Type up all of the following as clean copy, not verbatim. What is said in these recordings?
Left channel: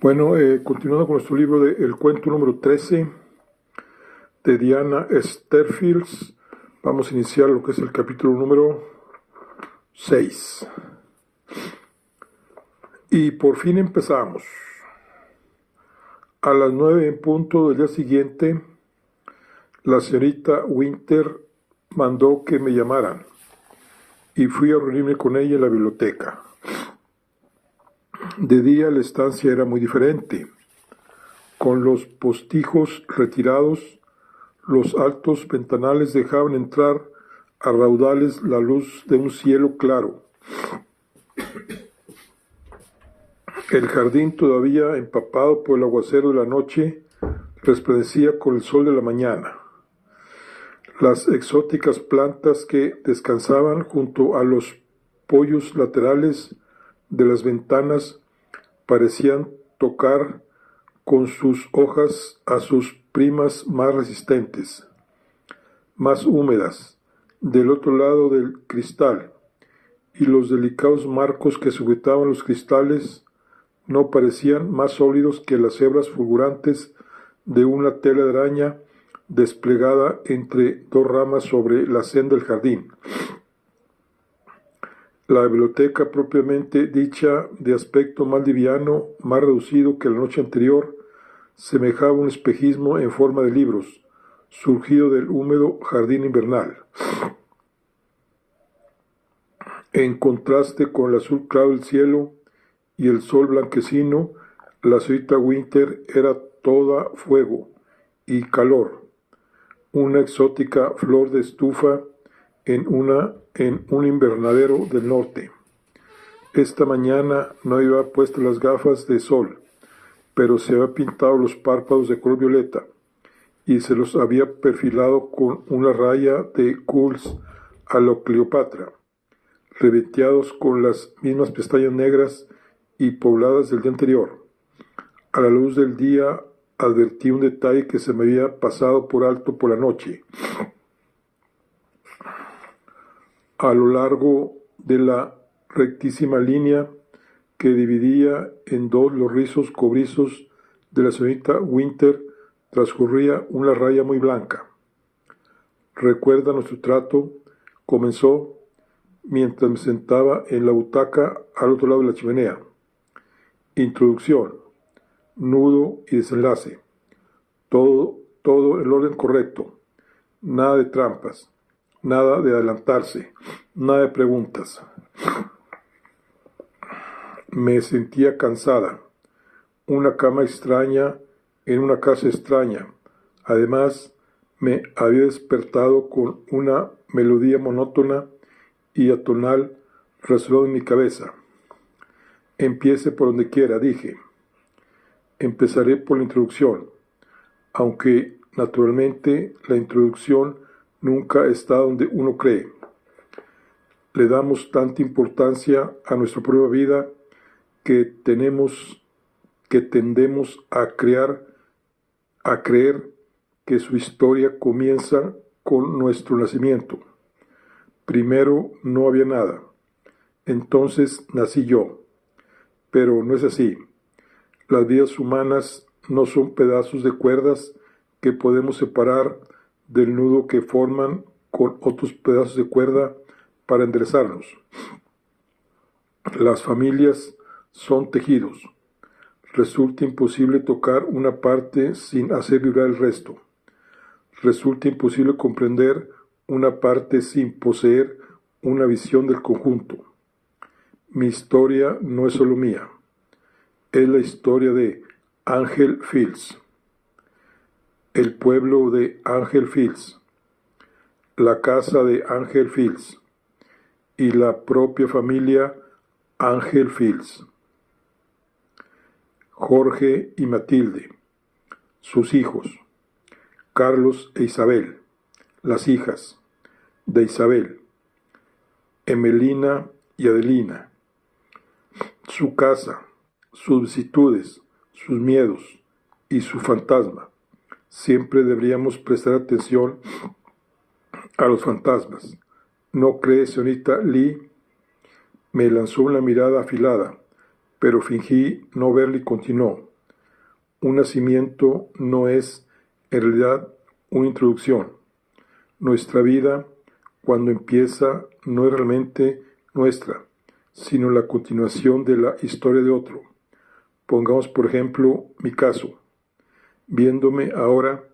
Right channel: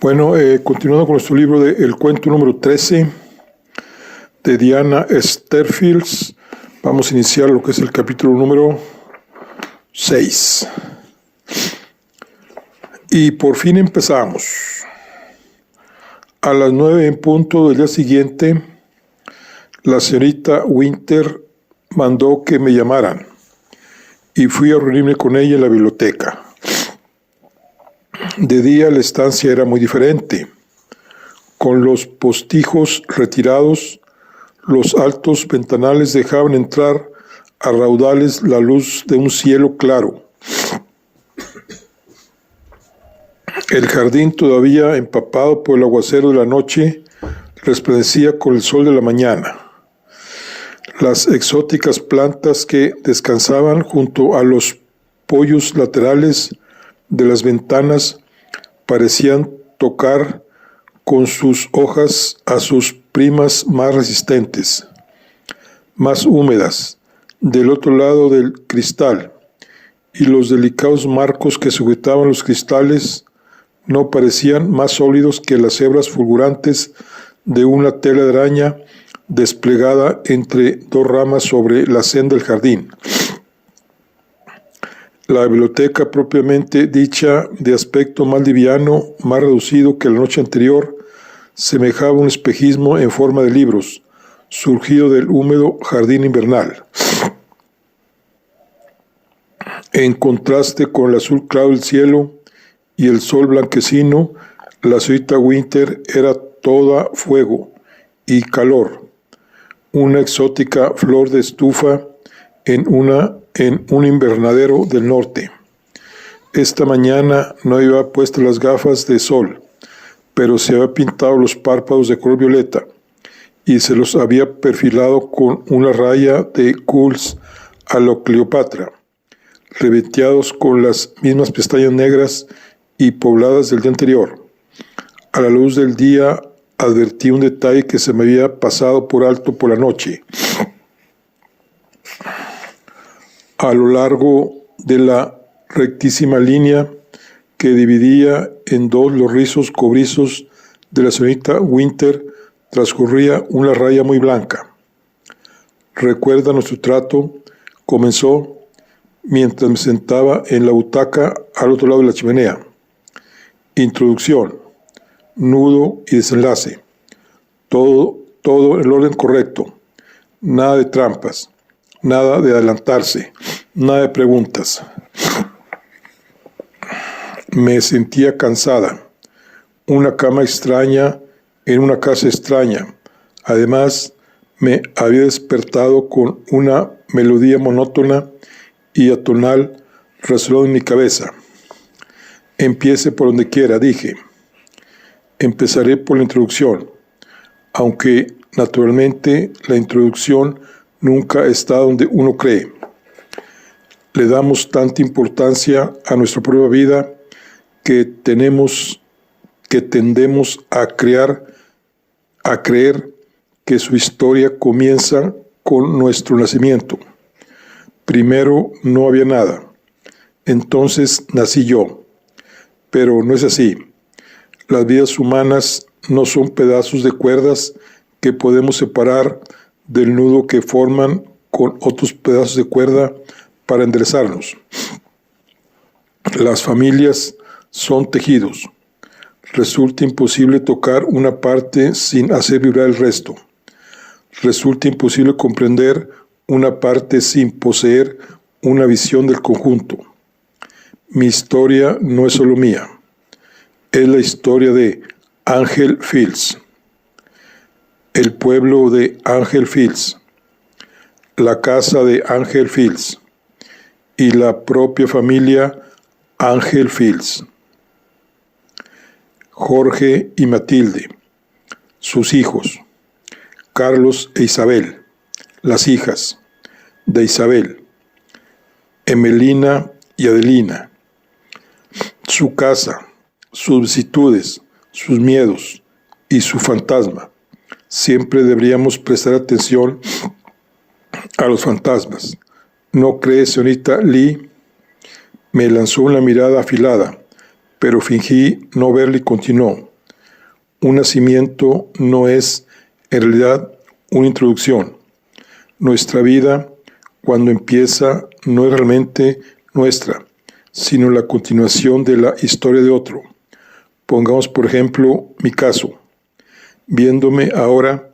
Bueno, continuando con nuestro libro de El cuento número 13 de Diana Sterfields, vamos a iniciar lo que es el capítulo número 6. Y por fin empezamos. A las 9 en punto del día siguiente, la señorita Winter mandó que me llamaran y fui a reunirme con ella en la biblioteca. De día la estancia era muy diferente. Con los postijos retirados, los altos ventanales dejaban entrar a raudales la luz de un cielo claro. El jardín, todavía empapado por el aguacero de la noche, resplandecía con el sol de la mañana. Las exóticas plantas que descansaban junto a los poyos laterales de las ventanas parecían tocar con sus hojas a sus primas más resistentes, más húmedas, del otro lado del cristal, y los delicados marcos que sujetaban los cristales no parecían más sólidos que las hebras fulgurantes de una tela de araña desplegada entre dos ramas sobre la senda del jardín. La biblioteca propiamente dicha, de aspecto más liviano, más reducido que la noche anterior, semejaba un espejismo en forma de libros, surgido del húmedo jardín invernal. En contraste con el azul claro del cielo y el sol blanquecino, la señorita Winter era toda fuego y calor, una exótica flor de estufa en un invernadero del norte. Esta mañana no había puesto las gafas de sol, pero se había pintado los párpados de color violeta y se los había perfilado con una raya de Kuhls a lo Cleopatra, ribeteados con las mismas pestañas negras y pobladas del día anterior. A la luz del día advertí un detalle que se me había pasado por alto por la noche. A lo largo de la rectísima línea que dividía en dos los rizos cobrizos de la señorita Winter transcurría una raya muy blanca. «Recuerda nuestro trato», comenzó mientras me sentaba en la butaca al otro lado de la chimenea. Introducción, nudo y desenlace. Todo en el orden correcto. Nada de trampas. Nada de adelantarse, nada de preguntas. Me sentía cansada. Una cama extraña en una casa extraña. Además, me había despertado con una melodía monótona y atonal resonó en mi cabeza. Empiece por donde quiera, dije. Empezaré por la introducción, aunque naturalmente la introducción nunca está donde uno cree. Le damos tanta importancia a nuestra propia vida que tendemos a creer que su historia comienza con nuestro nacimiento. Primero no había nada, entonces nací yo. Pero no es así. Las vidas humanas no son pedazos de cuerdas que podemos separar del nudo que forman con otros pedazos de cuerda para enderezarnos. Las familias son tejidos. Resulta imposible tocar una parte sin hacer vibrar el resto. Resulta imposible comprender una parte sin poseer una visión del conjunto. Mi historia no es solo mía. Es la historia de Angel Fields. El pueblo de Angel Fields, la casa de Angel Fields y la propia familia Angel Fields. Jorge y Matilde, sus hijos, Carlos e Isabel, las hijas de Isabel, Emelina y Adelina, su casa, sus vicisitudes, sus miedos y su fantasma. Siempre deberíamos prestar atención a los fantasmas. ¿No cree, señorita Lee? Me lanzó una mirada afilada, pero fingí no verle y continuó. un nacimiento no es, en realidad, una introducción. Nuestra vida, cuando empieza, no es realmente nuestra, sino la continuación de la historia de otro. Pongamos, por ejemplo, mi caso. Viéndome ahora,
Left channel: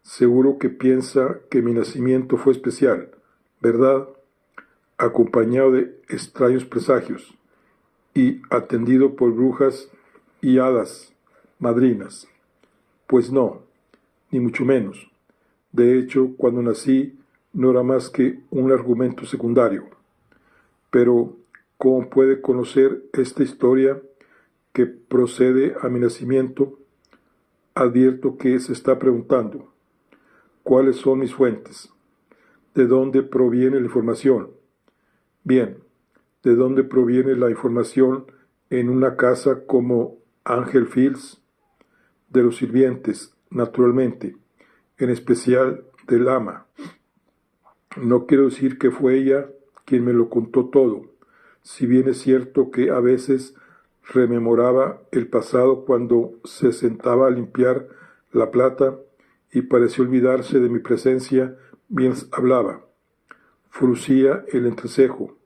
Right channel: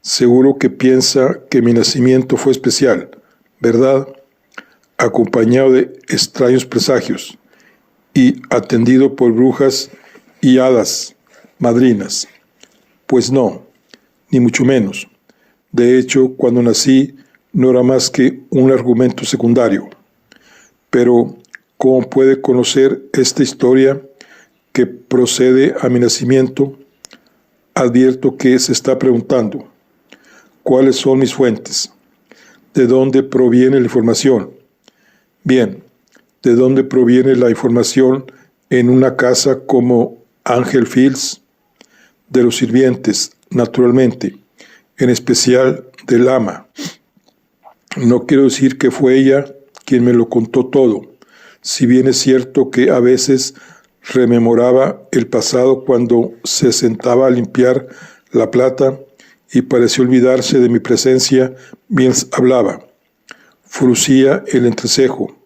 seguro que piensa que mi nacimiento fue especial, ¿verdad? Acompañado de extraños presagios y atendido por brujas y hadas madrinas. Pues no, ni mucho menos. De hecho, cuando nací no era más que un argumento secundario. Pero, ¿cómo puede conocer esta historia que procede a mi nacimiento? Advierto que se está preguntando, ¿cuáles son mis fuentes? ¿De dónde proviene la información? Bien, ¿de dónde proviene la información en una casa como Angel Fields? De los sirvientes, naturalmente, en especial del ama. No quiero decir que fue ella quien me lo contó todo, si bien es cierto que a veces rememoraba el pasado cuando se sentaba a limpiar la plata y pareció olvidarse de mi presencia mientras hablaba. Fruncía el entrecejo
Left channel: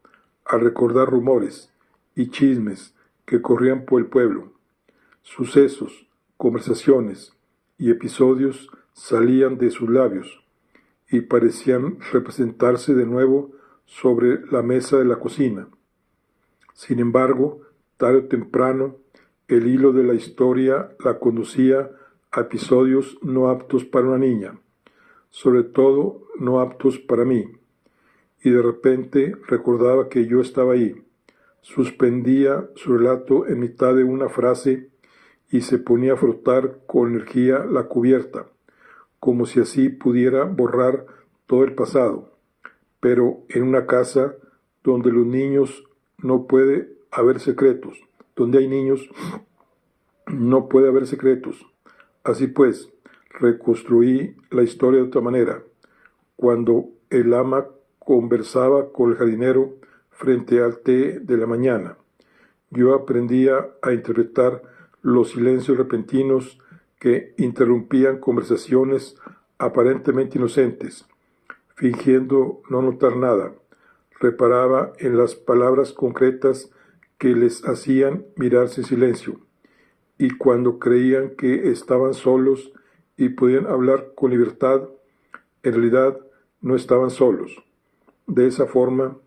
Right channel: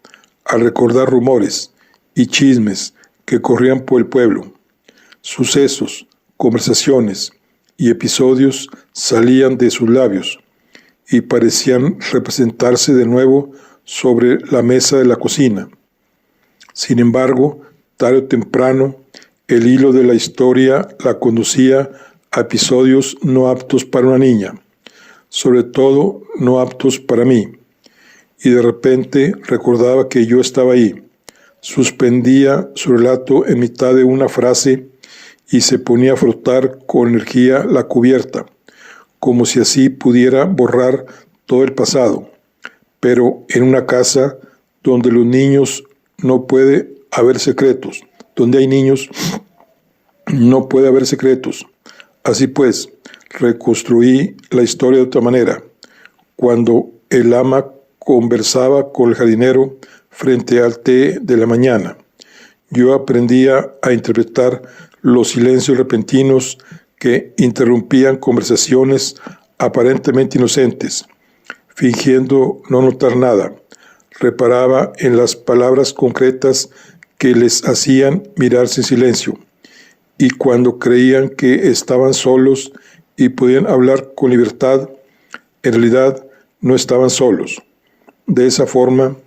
al recordar rumores y chismes que corrían por el pueblo. Sucesos, conversaciones y episodios salían de sus labios y parecían representarse de nuevo sobre la mesa de la cocina. Sin embargo, tarde o temprano, el hilo de la historia la conducía a episodios no aptos para una niña, sobre todo no aptos para mí, y de repente recordaba que yo estaba ahí. Suspendía su relato en mitad de una frase y se ponía a frotar con energía la cubierta, como si así pudiera borrar todo el pasado. Pero en una casa donde los niños no puede haber secretos, donde hay niños no puede haber secretos. Así pues, reconstruí la historia de otra manera. Cuando el ama conversaba con el jardinero frente al té de la mañana, yo aprendía a interpretar los silencios repentinos que interrumpían conversaciones aparentemente inocentes. Fingiendo no notar nada, reparaba en las palabras concretas que les hacían mirarse en silencio, y cuando creían que estaban solos y podían hablar con libertad, en realidad no estaban solos. De esa forma,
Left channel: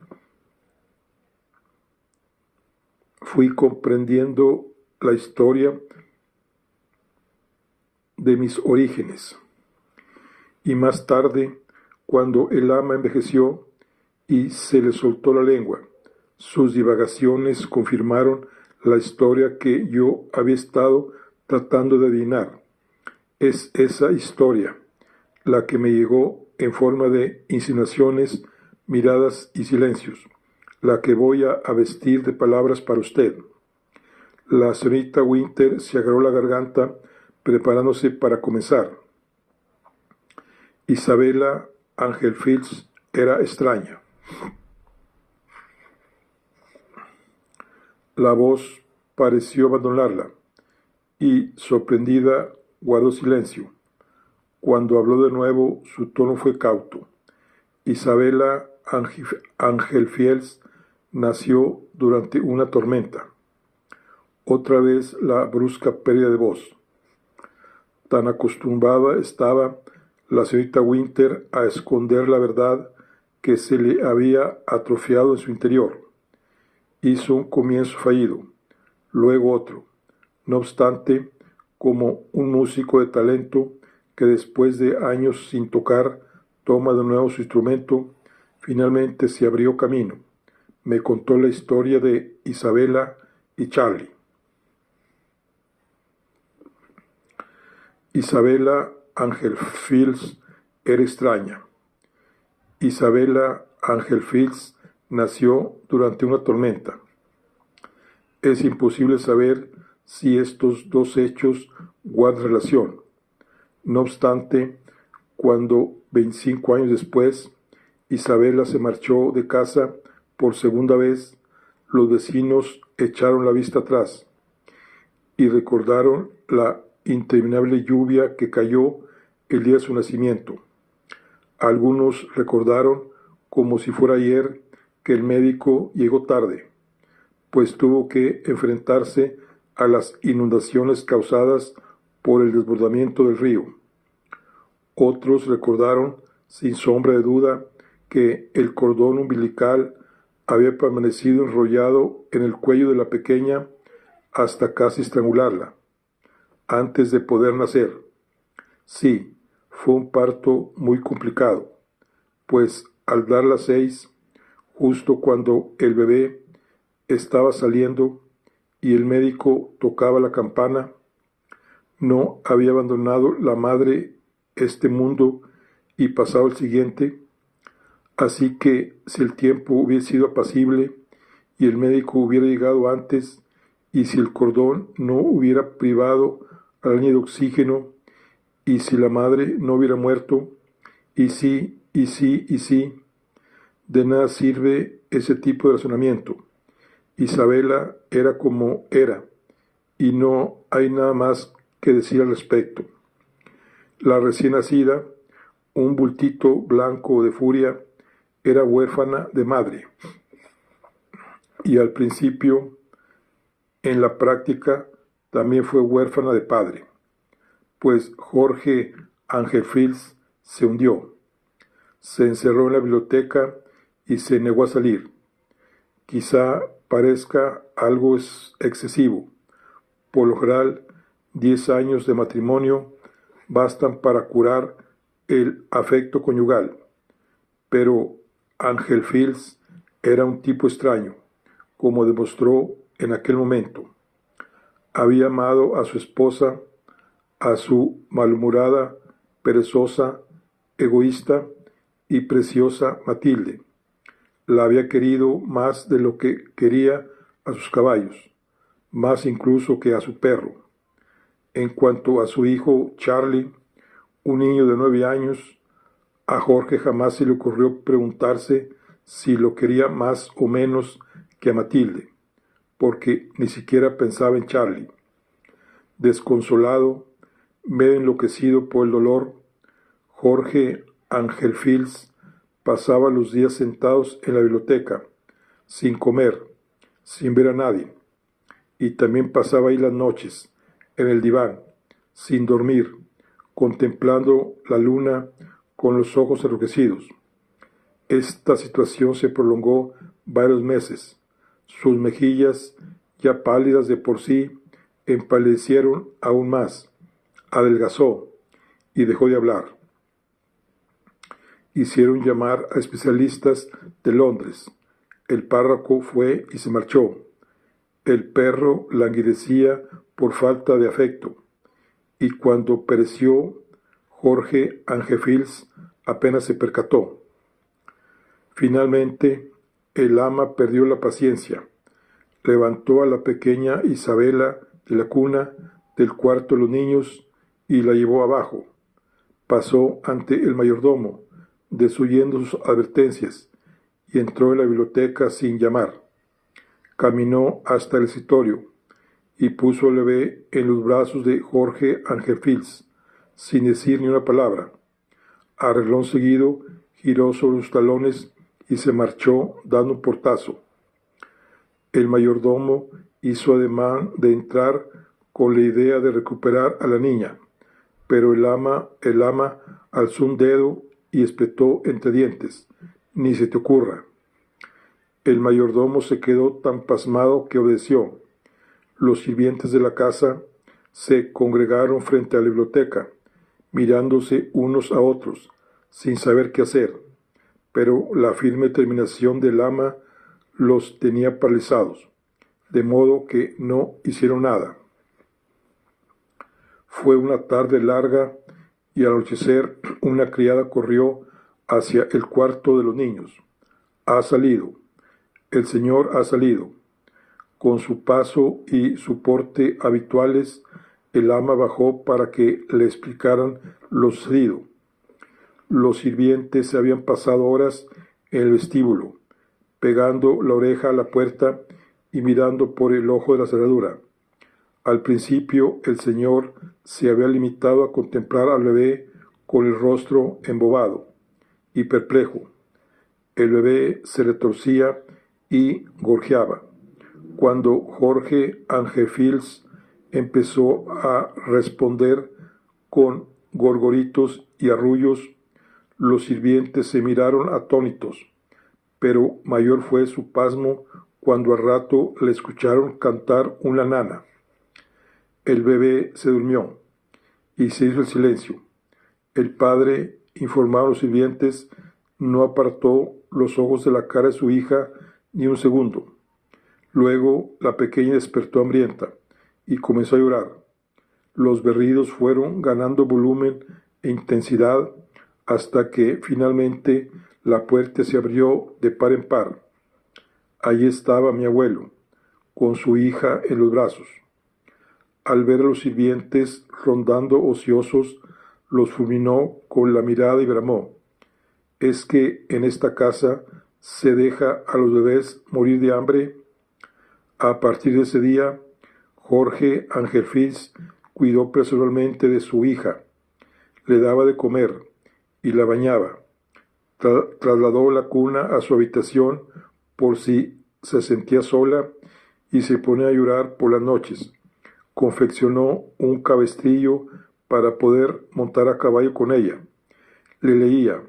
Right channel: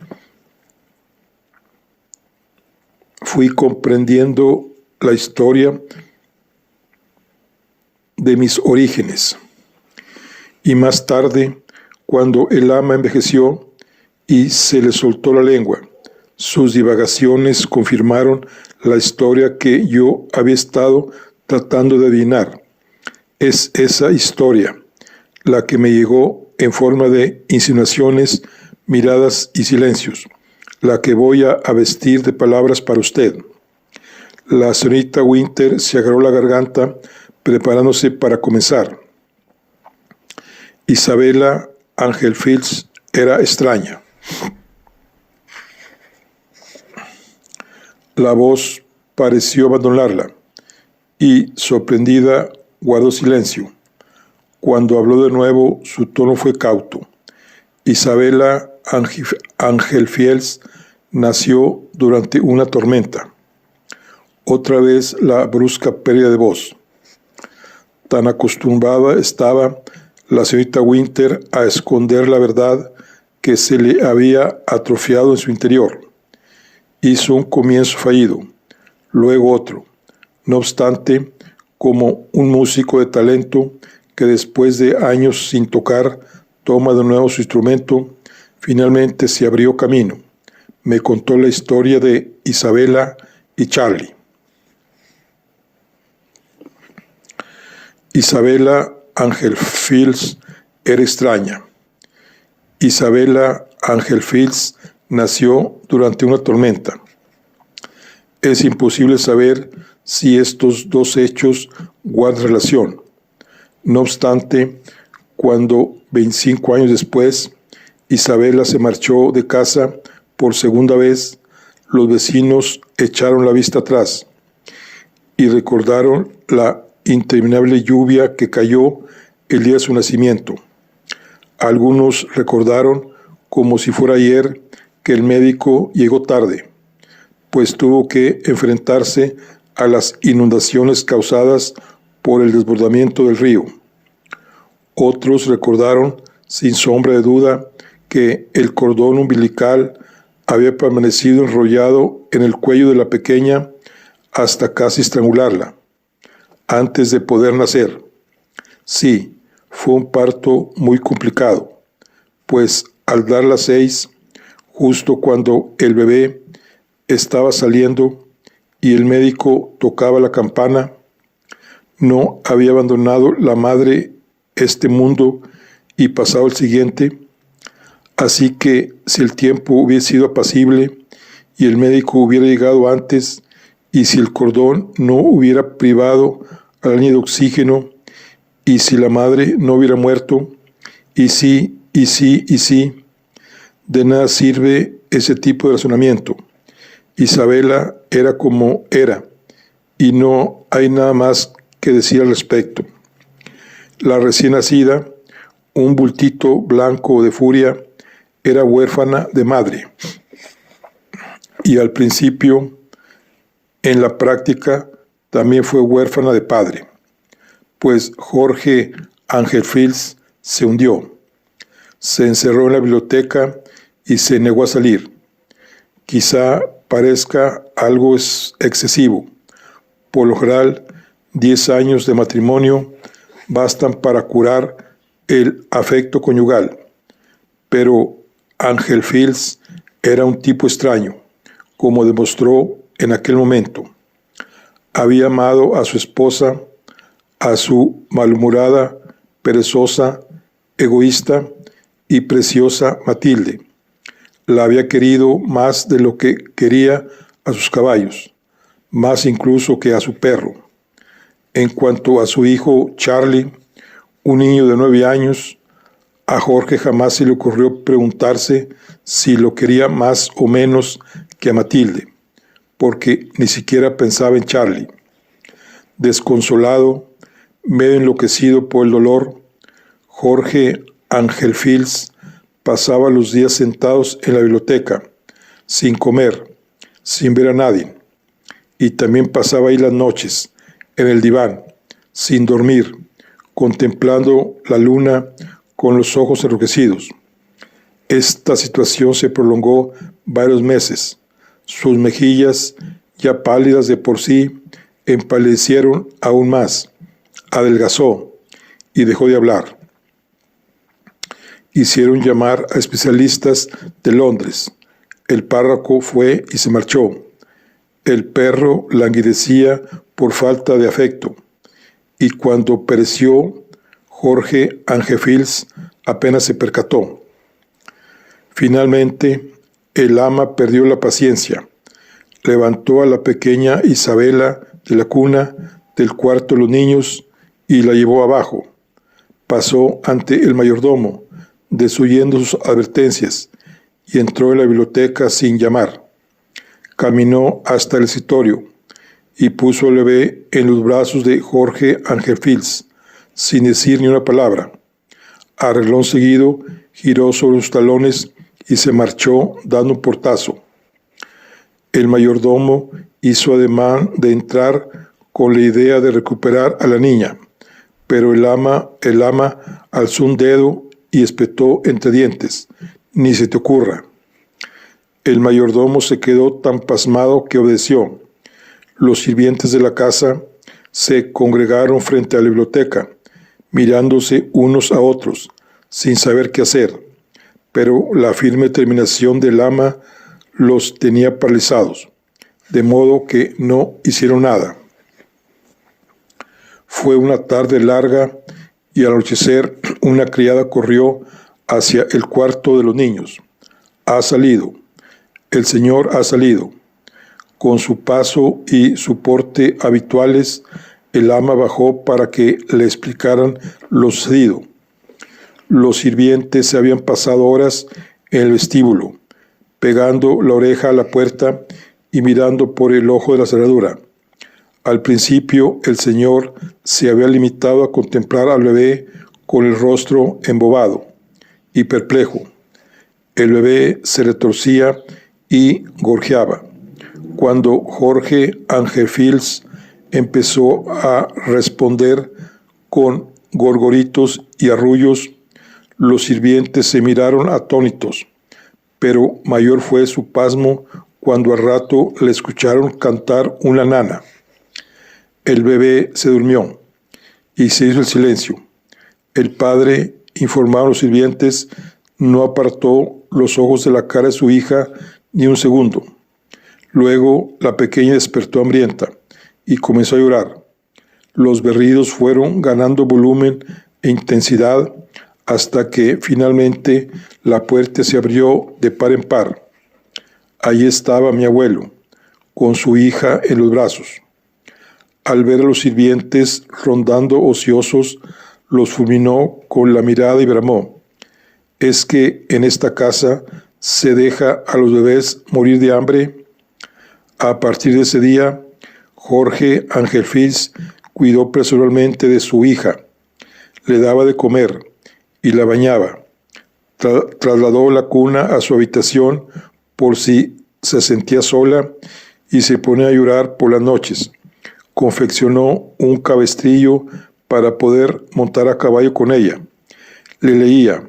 fui comprendiendo la historia de mis orígenes. Y más tarde, cuando el ama envejeció y se le soltó la lengua, sus divagaciones confirmaron la historia que yo había estado tratando de adivinar. Es esa historia la que me llegó en forma de insinuaciones, miradas y silencios, la que voy a vestir de palabras para usted. La señorita Winter se agarró la garganta preparándose para comenzar. Isabella Angel Fields era extraña. La voz pareció abandonarla y, sorprendida, guardó silencio. Cuando habló de nuevo, su tono fue cauto. Isabella Angel Fields nació durante una tormenta. Otra vez la brusca pérdida de voz. Tan acostumbrada estaba la señorita Winter a esconder la verdad que se le había atrofiado en su interior. Hizo un comienzo fallido, luego otro. No obstante, como un músico de talento que después de años sin tocar toma de nuevo su instrumento, finalmente se abrió camino. Me contó la historia de Isabella y Charlie. Isabella Angel Fields era extraña. Isabella Angel Fields nació durante una tormenta. Es imposible saber si estos dos hechos guardan relación. No obstante, cuando 25 años después Isabella se marchó de casa por segunda vez, los vecinos echaron la vista atrás y recordaron la interminable lluvia que cayó el día de su nacimiento. Algunos recordaron, como si fuera ayer, que el médico llegó tarde, pues tuvo que enfrentarse a las inundaciones causadas por el desbordamiento del río. Otros recordaron, sin sombra de duda, que el cordón umbilical había permanecido enrollado en el cuello de la pequeña hasta casi estrangularla, antes de poder nacer. Sí, fue un parto muy complicado, pues al dar las 6, justo cuando el bebé estaba saliendo y el médico tocaba la campana, no había abandonado la madre este mundo y pasado el siguiente. Así que si el tiempo hubiese sido apacible y el médico hubiera llegado antes, y si el cordón no hubiera privado a la niña de oxígeno, y si la madre no hubiera muerto, y si, de nada sirve ese tipo de razonamiento. Isabela era como era, y no hay nada más que decir al respecto. La recién nacida, un bultito blanco de furia, era huérfana de madre. Y al principio, en la práctica, también fue huérfana de padre, pues Jorge Ángel Fils se hundió, se encerró en la biblioteca y se negó a salir. Quizá parezca algo excesivo. Por lo general, 10 años de matrimonio bastan para curar el afecto conyugal, pero Ángel Fils era un tipo extraño, como demostró en aquel momento. Había amado a su esposa, a su malhumorada, perezosa, egoísta y preciosa Matilde. La había querido más de lo que quería a sus caballos, más incluso que a su perro. En cuanto a su hijo Charlie, un niño de 9 años, a Jorge jamás se le ocurrió preguntarse si lo quería más o menos que a Matilde, porque ni siquiera pensaba en Charlie. Desconsolado, medio enloquecido por el dolor, Jorge Ángel Fils pasaba los días sentados en la biblioteca, sin comer, sin ver a nadie, y también pasaba ahí las noches, en el diván, sin dormir, contemplando la luna con los ojos enrojecidos. Esta situación se prolongó varios meses. Sus mejillas, ya pálidas de por sí, empalidecieron aún más, adelgazó y dejó de hablar. Hicieron llamar a especialistas de Londres. El párroco fue y se marchó. El perro languidecía por falta de afecto, y cuando pereció, Jorge Ángel Fils apenas se percató. Finalmente, el ama perdió la paciencia. Levantó a la pequeña Isabela de la cuna del cuarto de los niños y la llevó abajo. Pasó ante el mayordomo, desoyendo sus advertencias, y entró en la biblioteca sin llamar. Caminó hasta el escritorio y puso al bebé en los brazos de Jorge Ángel Fils, sin decir ni una palabra. A renglón seguido, giró sobre sus talones y se marchó dando un portazo. El mayordomo hizo ademán de entrar con la idea de recuperar a la niña, pero el ama alzó un dedo y espetó entre dientes: «Ni se te ocurra». El mayordomo se quedó tan pasmado que obedeció. Los sirvientes de la casa se congregaron frente a la biblioteca, mirándose unos a otros, sin saber qué hacer, pero la firme determinación del ama los tenía paralizados, de modo que no hicieron nada. Fue una tarde larga y al anochecer una criada corrió hacia el cuarto de los niños. «Ha salido. El señor ha salido». Con su paso y su porte habituales, el ama bajó para que le explicaran lo sucedido. Los sirvientes se habían pasado horas en el vestíbulo, pegando la oreja a la puerta y mirando por el ojo de la cerradura. Al principio el Señor se había limitado a contemplar al bebé con el rostro embobado y perplejo. El bebé se retorcía y gorjeaba. Cuando Jorge Angefils empezó a responder con gorgoritos y arrullos, los sirvientes se miraron atónitos, pero mayor fue su pasmo cuando al rato le escucharon cantar una nana. El bebé se durmió y se hizo el silencio. El padre, informaron los sirvientes, no apartó los ojos de la cara de su hija ni un segundo. Luego la pequeña despertó hambrienta y comenzó a llorar. Los berridos fueron ganando volumen e intensidad hasta que finalmente la puerta se abrió de par en par. Allí estaba mi abuelo, con su hija en los brazos. Al ver a los sirvientes rondando ociosos, los fulminó con la mirada y bramó: ¿es que en esta casa se deja a los bebés morir de hambre? A partir de ese día, Jorge Angefils cuidó personalmente de su hija, le daba de comer y la bañaba. Trasladó la cuna a su habitación por si se sentía sola y se ponía a llorar por las noches. Confeccionó un cabestrillo para poder montar a caballo con ella. Le leía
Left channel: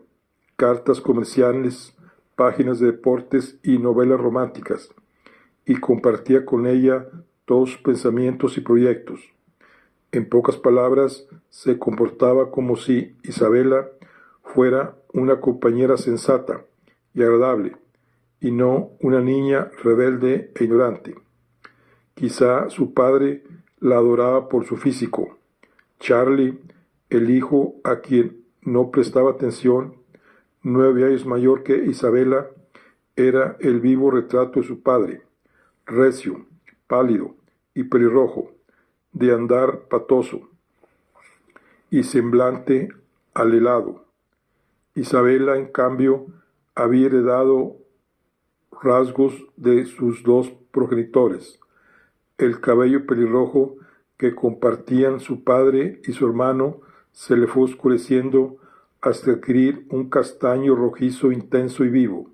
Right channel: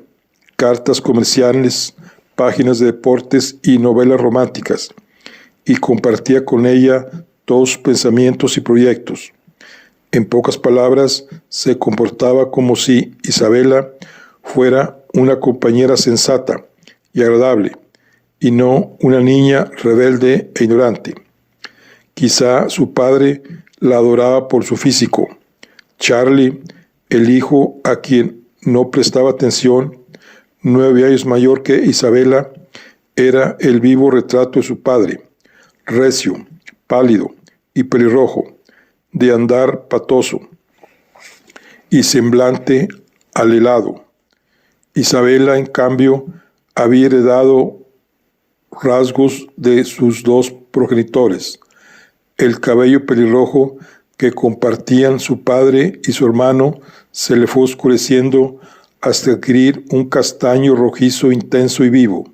cartas comerciales, páginas de deportes y novelas románticas, y compartía con ella todos sus pensamientos y proyectos. En pocas palabras, se comportaba como si Isabela fuera una compañera sensata y agradable, y no una niña rebelde e ignorante. Quizá su padre la adoraba por su físico. Charlie, el hijo a quien no prestaba atención, 9 años mayor que Isabela, era el vivo retrato de su padre, recio, pálido y pelirrojo, de andar patoso y semblante alelado. Isabela, en cambio, había heredado rasgos de sus dos progenitores. El cabello pelirrojo que compartían su padre y su hermano se le fue oscureciendo hasta adquirir un castaño rojizo intenso y vivo.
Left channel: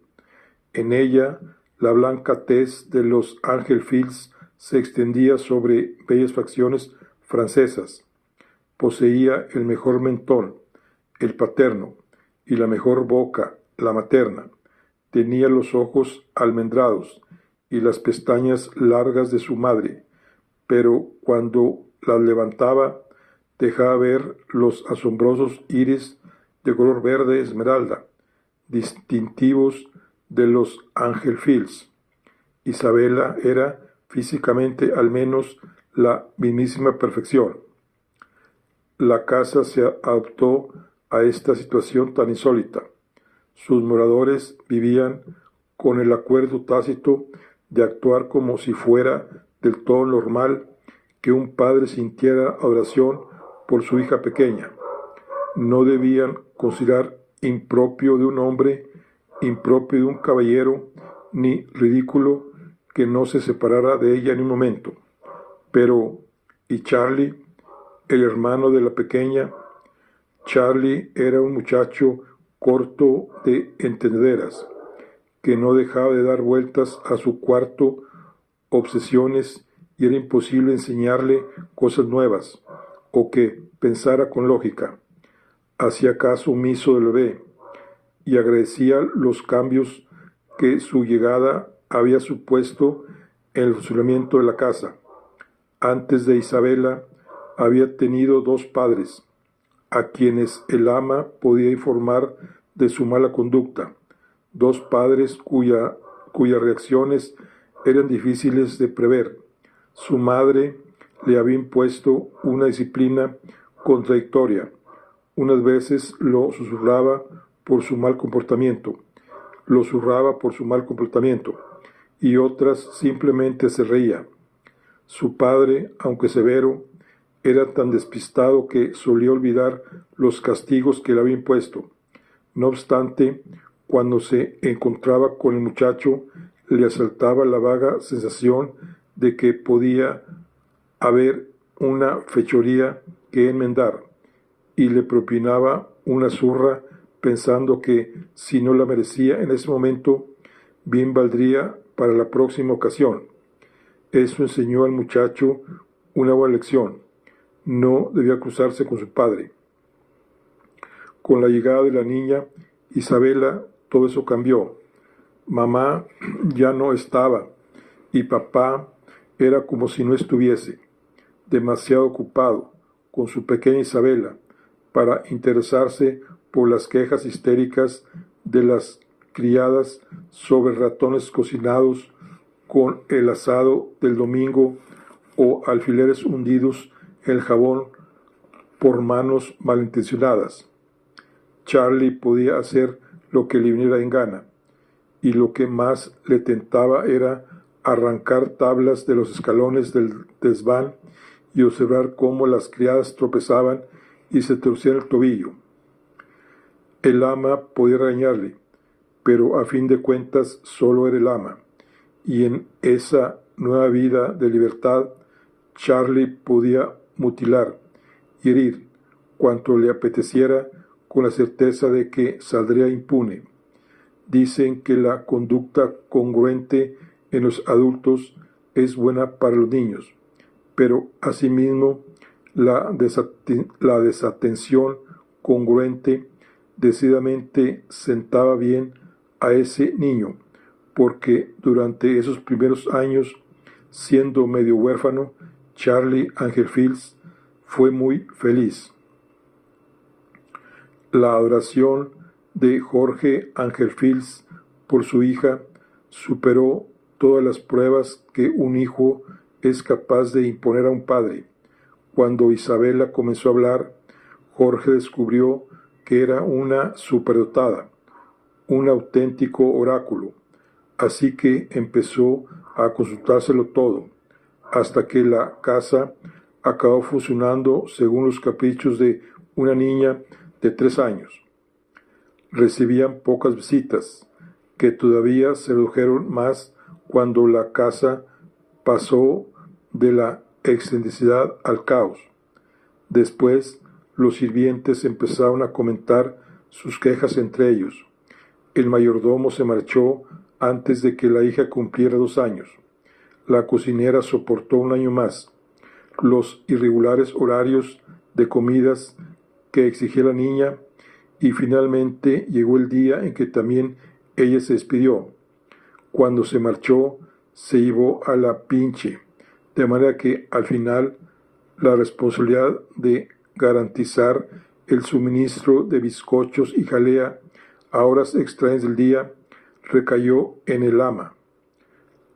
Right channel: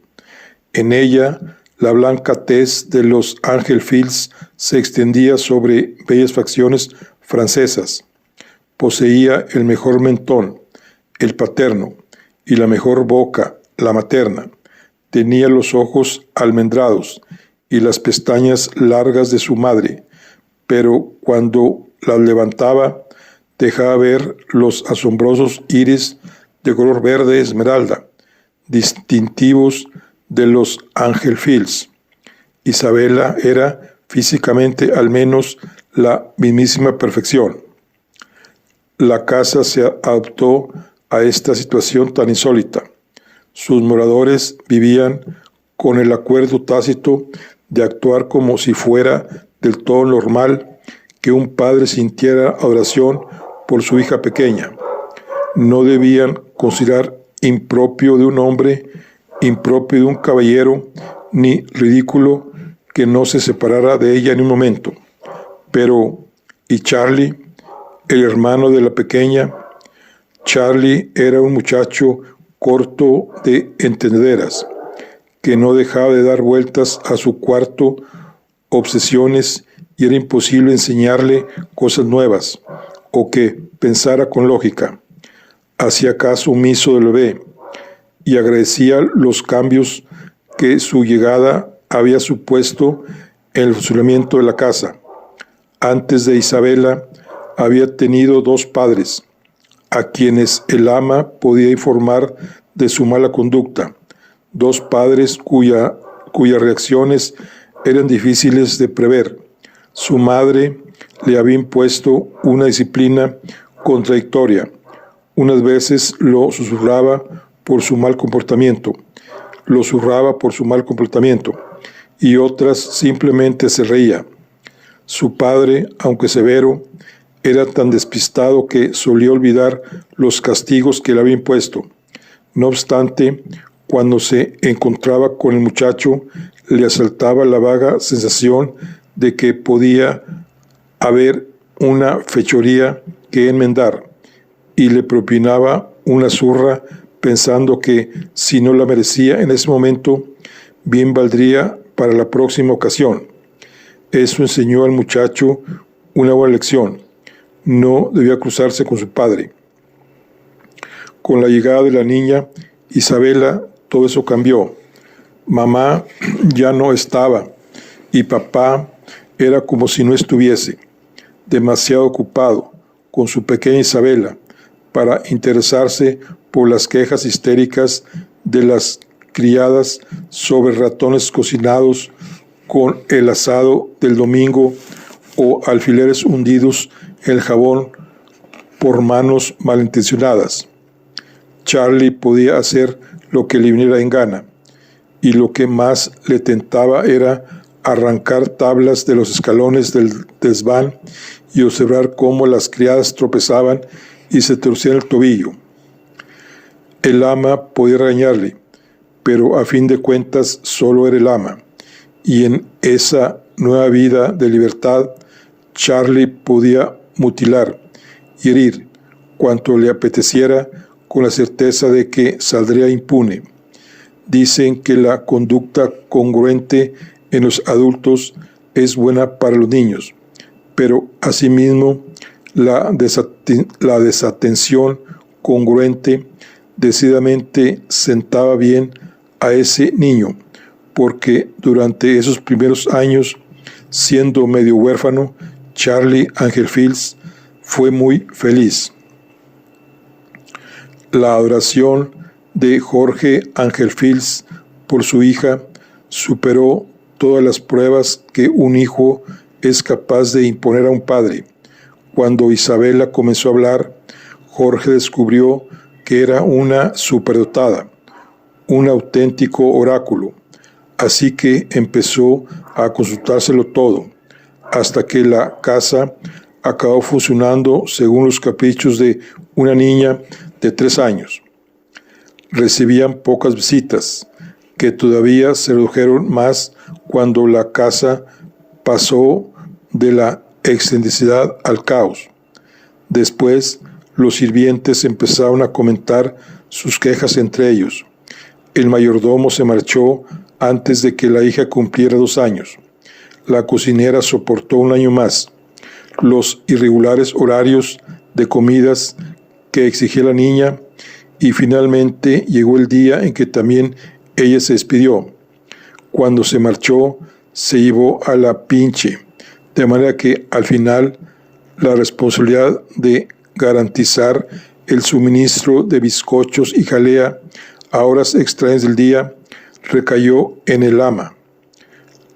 En ella, la blanca tez de los Angefils se extendía sobre bellas facciones francesas. Poseía el mejor mentón, el paterno, y la mejor boca, la materna. Tenía los ojos almendrados y las pestañas largas de su madre, pero cuando las levantaba, dejaba ver los asombrosos iris de color verde esmeralda, distintivos de los Angefils. Isabela era físicamente al menos la mismísima perfección. La casa se adaptó a esta situación tan insólita. Sus moradores vivían con el acuerdo tácito de actuar como si fuera del todo normal que un padre sintiera adoración por su hija pequeña. No debían considerar impropio de un hombre, impropio de un caballero, ni ridículo que no se separara de ella en un momento. Pero, ¿y Charlie, el hermano de la pequeña? Charlie era un muchacho corto de entendederas, que no dejaba de dar vueltas a su cuarto, obsesiones, y era imposible enseñarle cosas nuevas, o que pensara con lógica. Hacía caso omiso del bebé, y agradecía los cambios que su llegada había supuesto en el funcionamiento de la casa. Antes de Isabela, había tenido 2 padres, a quienes el ama podía informar de su mala conducta, 2 padres cuyas reacciones eran difíciles de prever. Su madre le había impuesto una disciplina contradictoria. Unas veces lo susurraba por su mal comportamiento, y otras simplemente se reía. Su padre, aunque severo, era tan despistado que solía olvidar los castigos que le había impuesto. No obstante, cuando se encontraba con el muchacho, le asaltaba la vaga sensación de que podía haber una fechoría que enmendar, y le propinaba una zurra pensando que, si no la merecía en ese momento, bien valdría para la próxima ocasión. Eso enseñó al muchacho una buena lección. No debía cruzarse con su padre. Con la llegada de la niña Isabela, todo eso cambió. Mamá ya no estaba y papá era como si no estuviese, demasiado ocupado con su pequeña Isabela para interesarse por las quejas histéricas de las criadas sobre ratones cocinados con el asado del domingo o alfileres hundidos en el jabón por manos malintencionadas. Charlie podía hacer lo que le viniera en gana, y lo que más le tentaba era arrancar tablas de los escalones del desván y observar cómo las criadas tropezaban y se torcían el tobillo. El ama podía regañarle, pero a fin de cuentas solo era el ama, y en esa nueva vida de libertad, Charlie podía mutilar y herir cuanto le apeteciera con la certeza de que saldría impune. Dicen que la conducta congruente en los adultos es buena para los niños, pero asimismo la desatención congruente decididamente sentaba bien a ese niño, porque durante esos primeros años, siendo medio huérfano, Charlie Angel Fields fue muy feliz. La adoración de Jorge Angel Fields por su hija superó todas las pruebas que un hijo es capaz de imponer a un padre. Cuando Isabela comenzó a hablar, Jorge descubrió que era una superdotada, un auténtico oráculo, así que empezó a consultárselo todo, hasta que la casa acabó funcionando según los caprichos de una niña de 3 años. Recibían pocas visitas, que todavía se redujeron más cuando la casa pasó de la excentricidad al caos. Después, los sirvientes empezaron a comentar sus quejas entre ellos. El mayordomo se marchó antes de que la hija cumpliera 2 años. La cocinera soportó 1 año más. Los irregulares horarios de comidas que exigía la niña, y finalmente llegó el día en que también ella se despidió. Cuando se marchó, se llevó a la pinche, de manera que al final la responsabilidad de garantizar el suministro de bizcochos y jalea a horas extrañas del día recayó en el ama.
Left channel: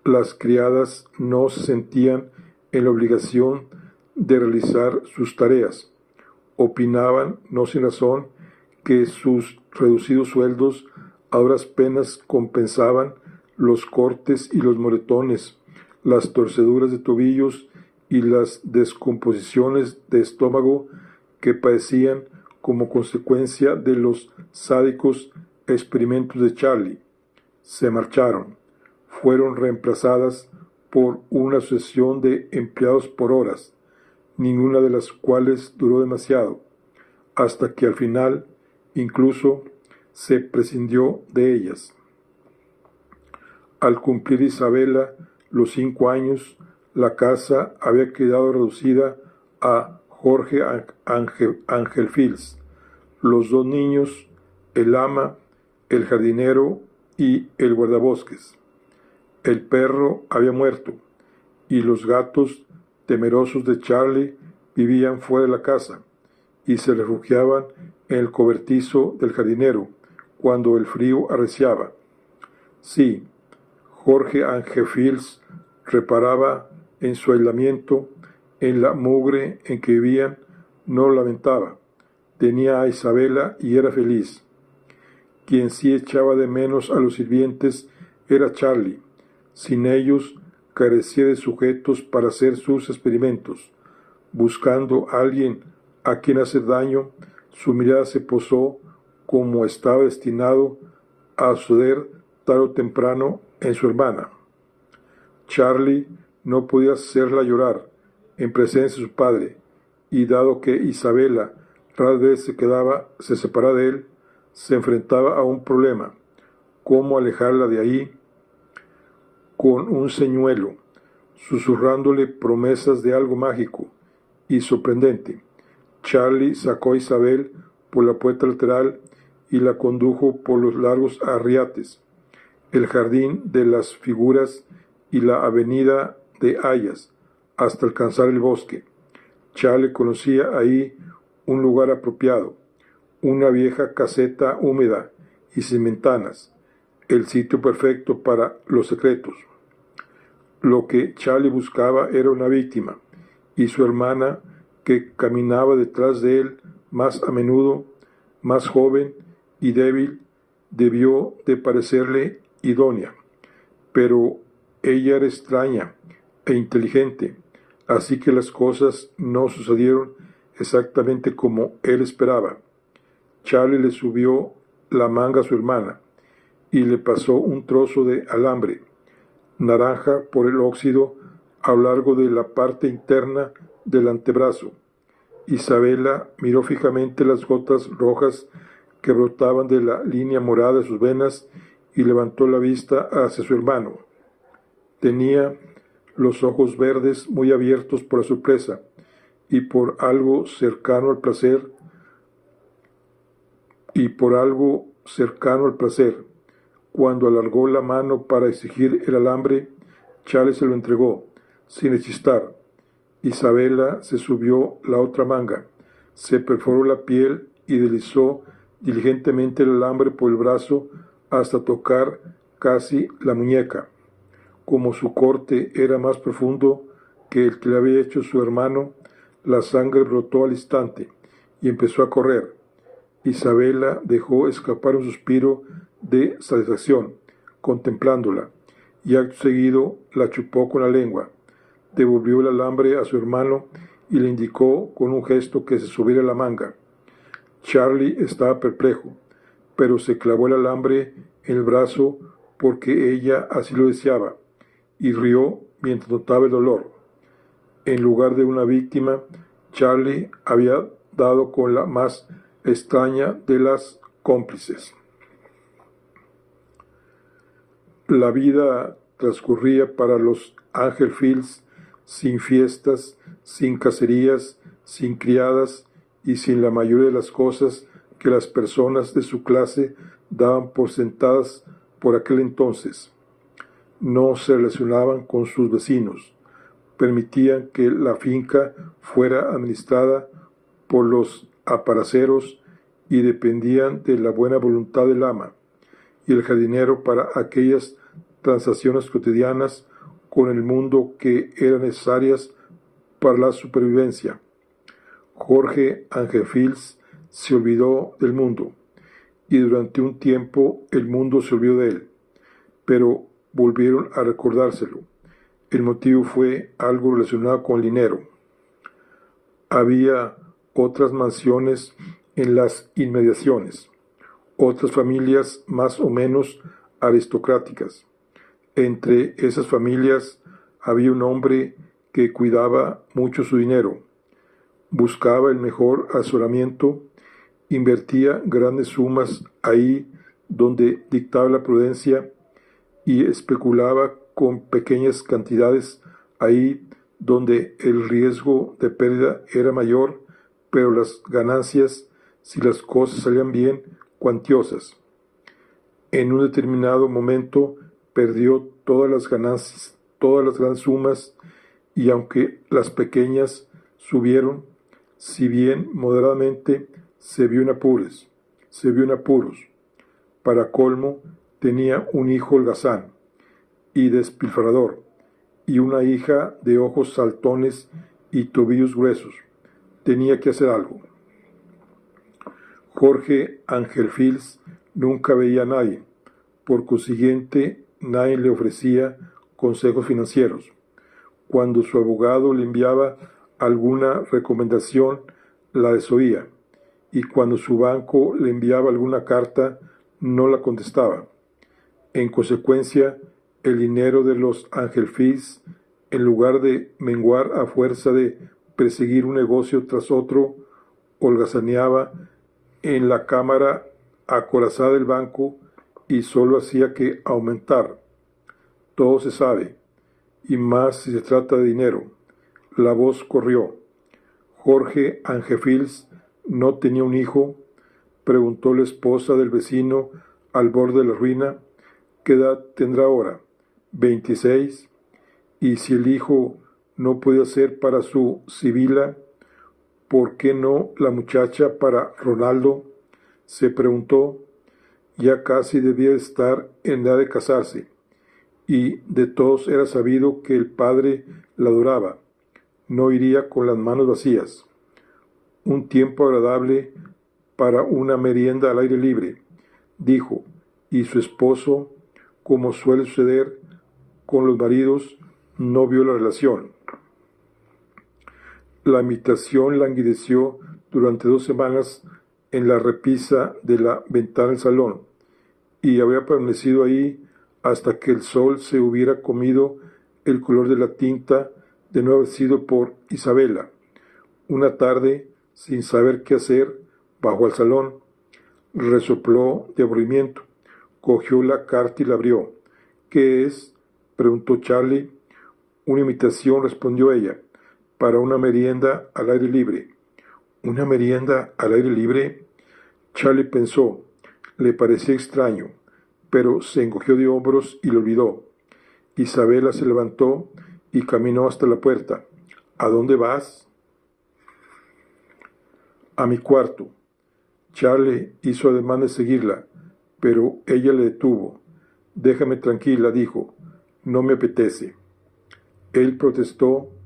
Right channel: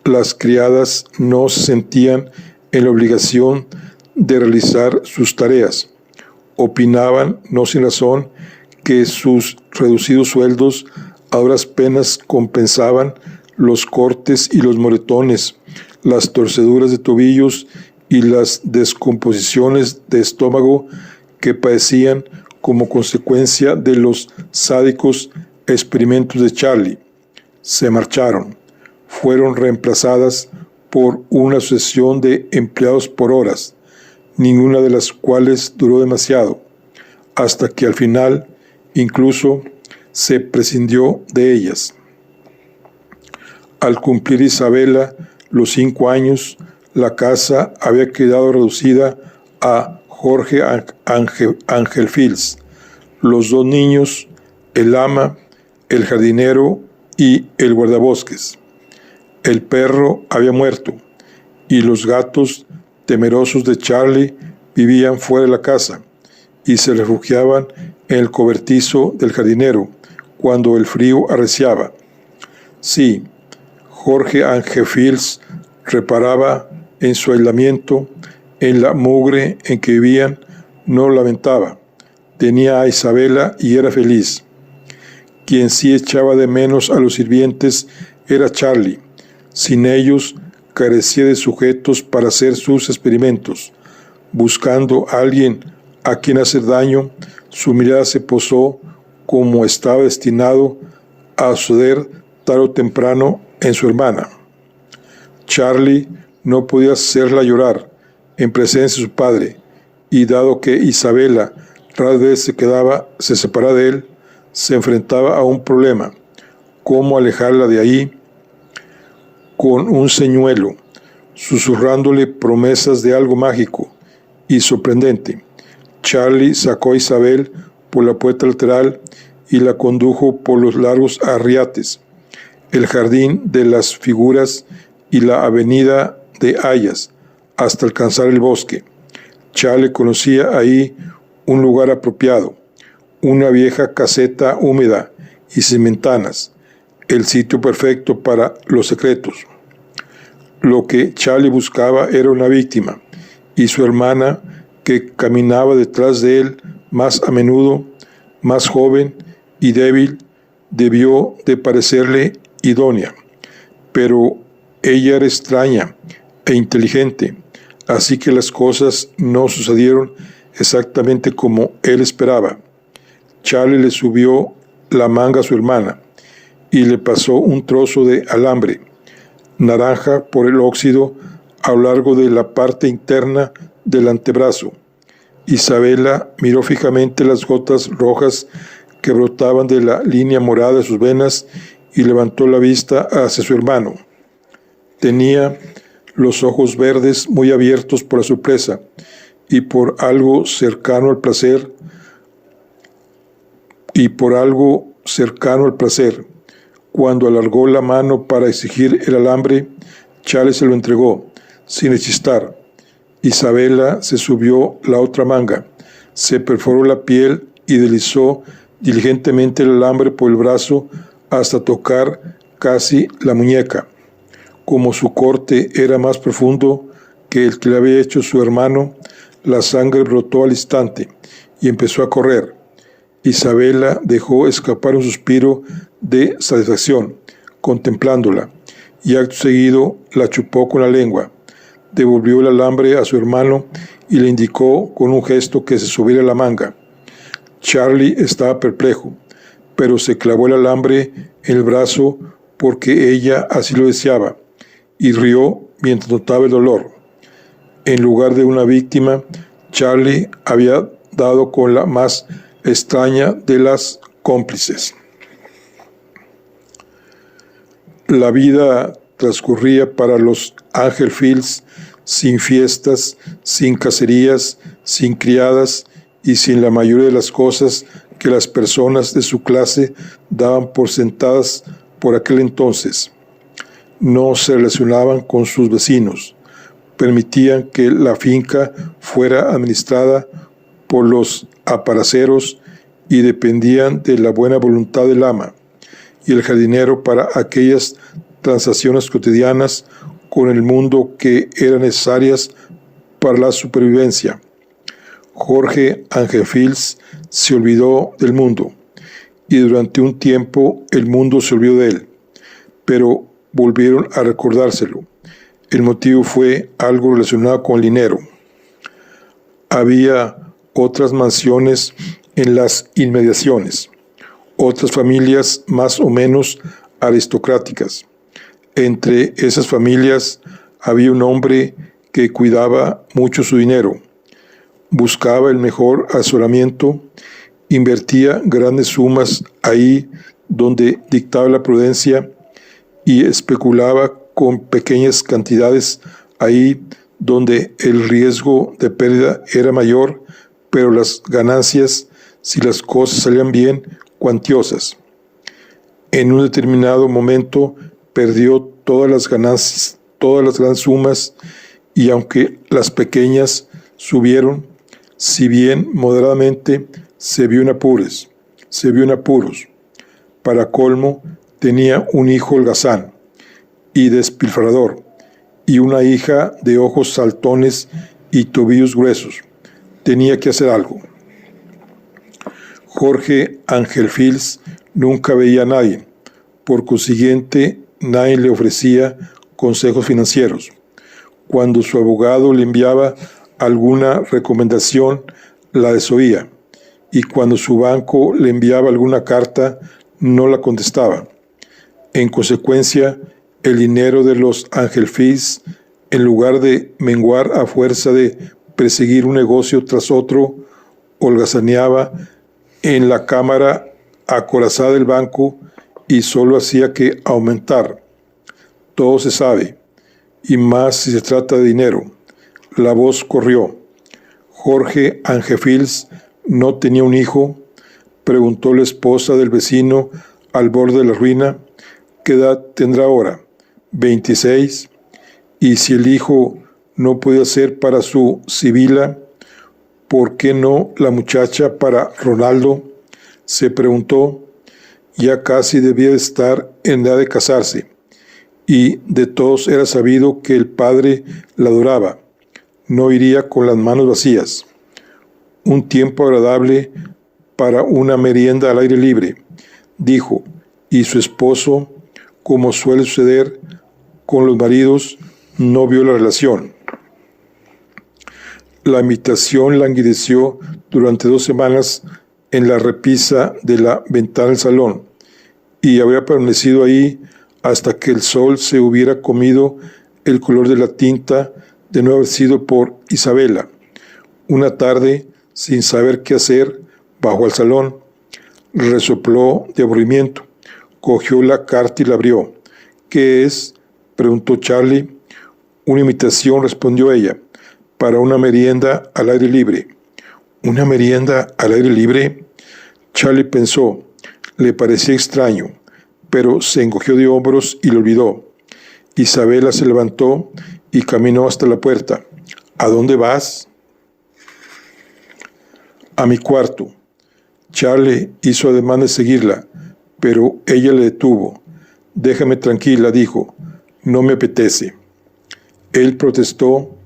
Las criadas no se sentían en la obligación de realizar sus tareas. Opinaban, no sin razón, que sus reducidos sueldos a duras penas compensaban los cortes y los moretones, las torceduras de tobillos y las descomposiciones de estómago que padecían como consecuencia de los sádicos experimentos de Charlie. Se marcharon. Fueron reemplazadas por una sucesión de empleados por horas, ninguna de las cuales duró demasiado, hasta que al final incluso se prescindió de ellas. Al cumplir Isabela los 5 años, la casa había quedado reducida a Jorge Angel Fields, los 2 niños, el ama, el jardinero y el guardabosques. El perro había muerto, y los gatos, temerosos de Charlie, vivían fuera de la casa y se refugiaban en el cobertizo del jardinero cuando el frío arreciaba. Sí, Jorge Angel Fields reparaba en su aislamiento, en la mugre en que vivían, no lamentaba. Tenía a Isabela y era feliz. Quien sí echaba de menos a los sirvientes era Charlie. Sin ellos, carecía de sujetos para hacer sus experimentos. Buscando a alguien a quien hacer daño, su mirada se posó, como estaba destinado, a suceder tarde o temprano, en su hermana. Charlie no podía hacerla llorar, en presencia de su padre, y dado que Isabela rara vez se separaba de él, se enfrentaba a un problema: cómo alejarla de ahí con un señuelo, susurrándole promesas de algo mágico y sorprendente. Charlie sacó a Isabel por la puerta lateral y la condujo por los largos arriates, el jardín de las figuras y la avenida de hayas, hasta alcanzar el bosque. Charlie conocía ahí un lugar apropiado, una vieja caseta húmeda y sin ventanas, el sitio perfecto para los secretos. Lo que Charlie buscaba era una víctima, y su hermana, que caminaba detrás de él más a menudo, más joven y débil, debió de parecerle idónea. Pero ella era extraña e inteligente, así que las cosas no sucedieron exactamente como él esperaba. Charlie le subió la manga a su hermana y le pasó un trozo de alambre naranja por el óxido a lo largo de la parte interna del antebrazo. Isabela miró fijamente las gotas rojas que brotaban de la línea morada de sus venas y levantó la vista hacia su hermano. Tenía los ojos verdes muy abiertos por la sorpresa y por algo cercano al placer, Cuando alargó la mano para exigir el alambre, Charlie se lo entregó, sin rechistar. Isabela se subió la otra manga, se perforó la piel y deslizó diligentemente el alambre por el brazo hasta tocar casi la muñeca. Como su corte era más profundo que el que le había hecho su hermano, la sangre brotó al instante y empezó a correr. Isabela dejó escapar un suspiro de satisfacción, contemplándola, y acto seguido la chupó con la lengua. Devolvió el alambre a su hermano y le indicó con un gesto que se subiera la manga. Charlie estaba perplejo, pero se clavó el alambre en el brazo porque ella así lo deseaba, y rió mientras notaba el dolor. En lugar de una víctima, Charlie había dado con la más extraña de las cómplices. La vida transcurría para los Angelfields sin fiestas, sin cacerías, sin criadas y sin la mayoría de las cosas que las personas de su clase daban por sentadas por aquel entonces. No se relacionaban con sus vecinos, permitían que la finca fuera administrada por los aparaceros y dependían de la buena voluntad del ama y el jardinero para aquellas transacciones cotidianas con el mundo que eran necesarias para la supervivencia. Jorge Angelfields se olvidó del mundo, y durante un tiempo el mundo se olvidó de él, pero volvieron a recordárselo. El motivo fue algo relacionado con el dinero. Había otras mansiones en las inmediaciones, otras familias más o menos aristocráticas. Entre esas familias había un hombre que cuidaba mucho su dinero, buscaba el mejor asesoramiento, invertía grandes sumas ahí donde dictaba la prudencia y especulaba con pequeñas cantidades ahí donde el riesgo de pérdida era mayor, pero las ganancias, si las cosas salían bien, cuantiosas. En un determinado momento perdió todas las ganancias, todas las grandes sumas, y aunque las pequeñas subieron, si bien moderadamente, se vio en apuros. Para colmo, tenía un hijo holgazán y despilfarrador, y una hija de ojos saltones y tobillos gruesos. Tenía que hacer algo. Jorge Angelfields nunca veía a nadie, por consiguiente, nadie le ofrecía consejos financieros. Cuando su abogado le enviaba alguna recomendación, la desoía, y cuando su banco le enviaba alguna carta, no la contestaba. En consecuencia, el dinero de los Angelfields en lugar de menguar a fuerza de perseguir un negocio tras otro, holgazaneaba en la cámara acorazada del banco y solo hacía que aumentar. Todo se sabe, y más si se trata de dinero. La voz corrió. Jorge Angefils no tenía un hijo. Preguntó la esposa del vecino al borde de la ruina. ¿Qué edad tendrá ahora? 26. Y si el hijo no puede ser para su Sibila, ¿por qué no la muchacha para Ronaldo? Se preguntó. Ya casi debía de estar en edad de casarse, y de todos era sabido que el padre la adoraba. No iría con las manos vacías. Un tiempo agradable para una merienda al aire libre, dijo, y su esposo, como suele suceder con los maridos, no vio la relación. La invitación languideció durante 2 semanas en la repisa de la ventana del salón, y habría permanecido ahí hasta que el sol se hubiera comido el color de la tinta de no haber sido por Isabela. Una tarde, sin saber qué hacer, bajó al salón, resopló de aburrimiento, cogió la carta y la abrió. ¿Qué es?, preguntó Charlie. Una invitación, respondió ella, para una merienda al aire libre. ¿Una merienda al aire libre? Charlie pensó. Le parecía extraño, pero se encogió de hombros y lo olvidó. Isabela se levantó y caminó hasta la puerta. ¿A dónde vas? A mi cuarto. Charlie hizo ademán de seguirla, pero ella le detuvo. Déjame tranquila, dijo. No me apetece. Él protestó,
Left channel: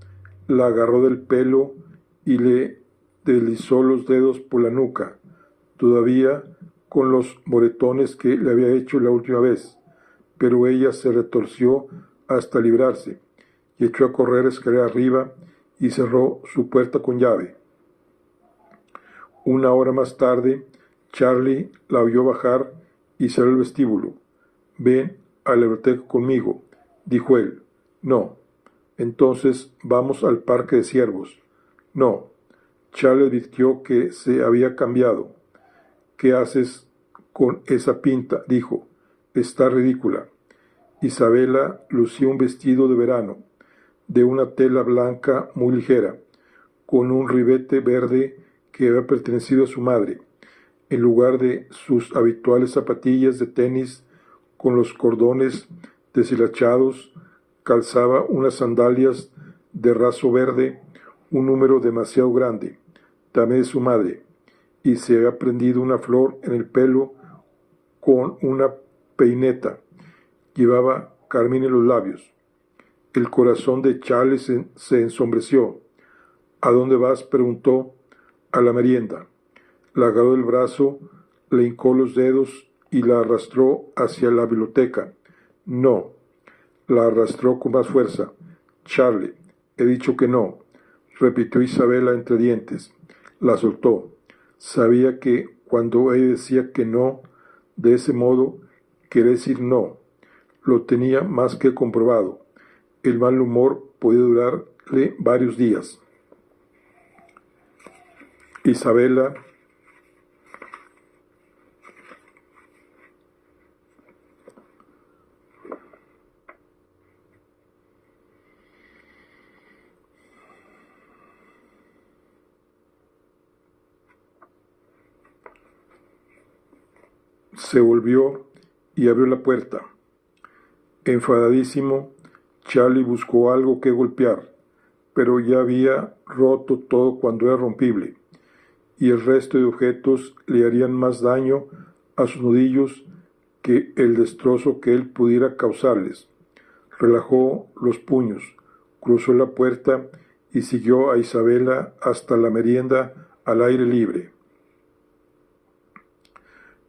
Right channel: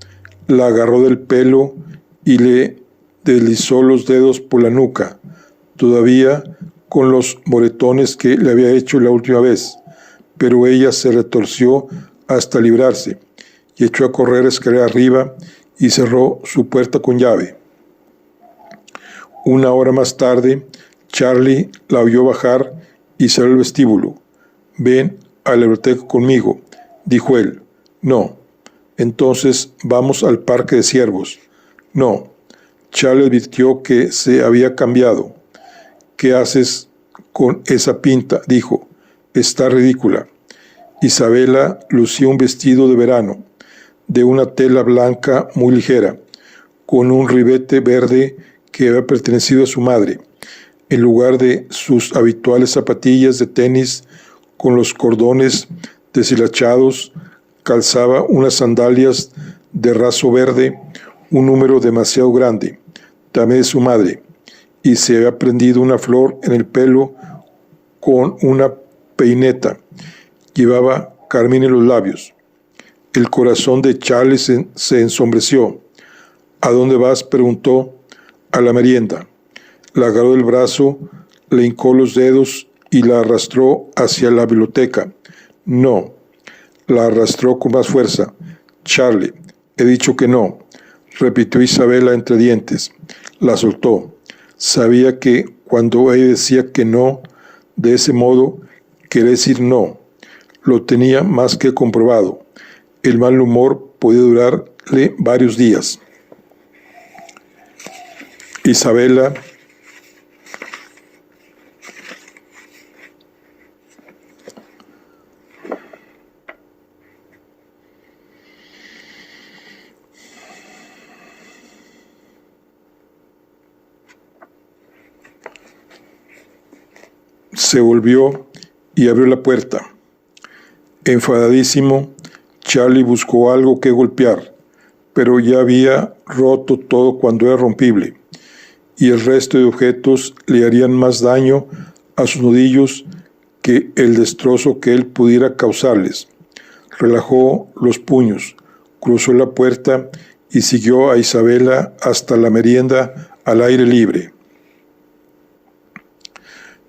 la agarró del pelo y le deslizó los dedos por la nuca, todavía con los moretones que le había hecho la última vez, pero ella se retorció hasta librarse y echó a correr escalera arriba y cerró su puerta con llave. Una hora más tarde, Charlie la oyó bajar y salió al vestíbulo. Ven a la biblioteca conmigo, dijo él. No. Entonces vamos al parque de ciervos. No. Charlie advirtió que se había cambiado. ¿Qué haces con esa pinta?, dijo. Está ridícula. Isabela lucía un vestido de verano, de una tela blanca muy ligera, con un ribete verde que había pertenecido a su madre, en lugar de sus habituales zapatillas de tenis con los cordones deshilachados, calzaba unas sandalias de raso verde, un número demasiado grande, también de su madre, y se había prendido una flor en el pelo con una peineta. Llevaba carmín en los labios. El corazón de Charles se ensombreció. ¿A dónde vas?, preguntó. A la merienda. La agarró del brazo, le hincó los dedos y la arrastró hacia la biblioteca. No. La arrastró con más fuerza. Charlie, he dicho que no, repitió Isabela entre dientes. La soltó. Sabía que cuando ella decía que no, de ese modo, quería decir no. Lo tenía más que comprobado. El mal humor podía durarle varios días. Isabela se volvió y abrió la puerta. Enfadadísimo, Charlie buscó algo que golpear, pero ya había roto todo cuando era rompible, y el resto de objetos le harían más daño a sus nudillos que el destrozo que él pudiera causarles. Relajó los puños, cruzó la puerta y siguió a Isabela hasta la merienda al aire libre.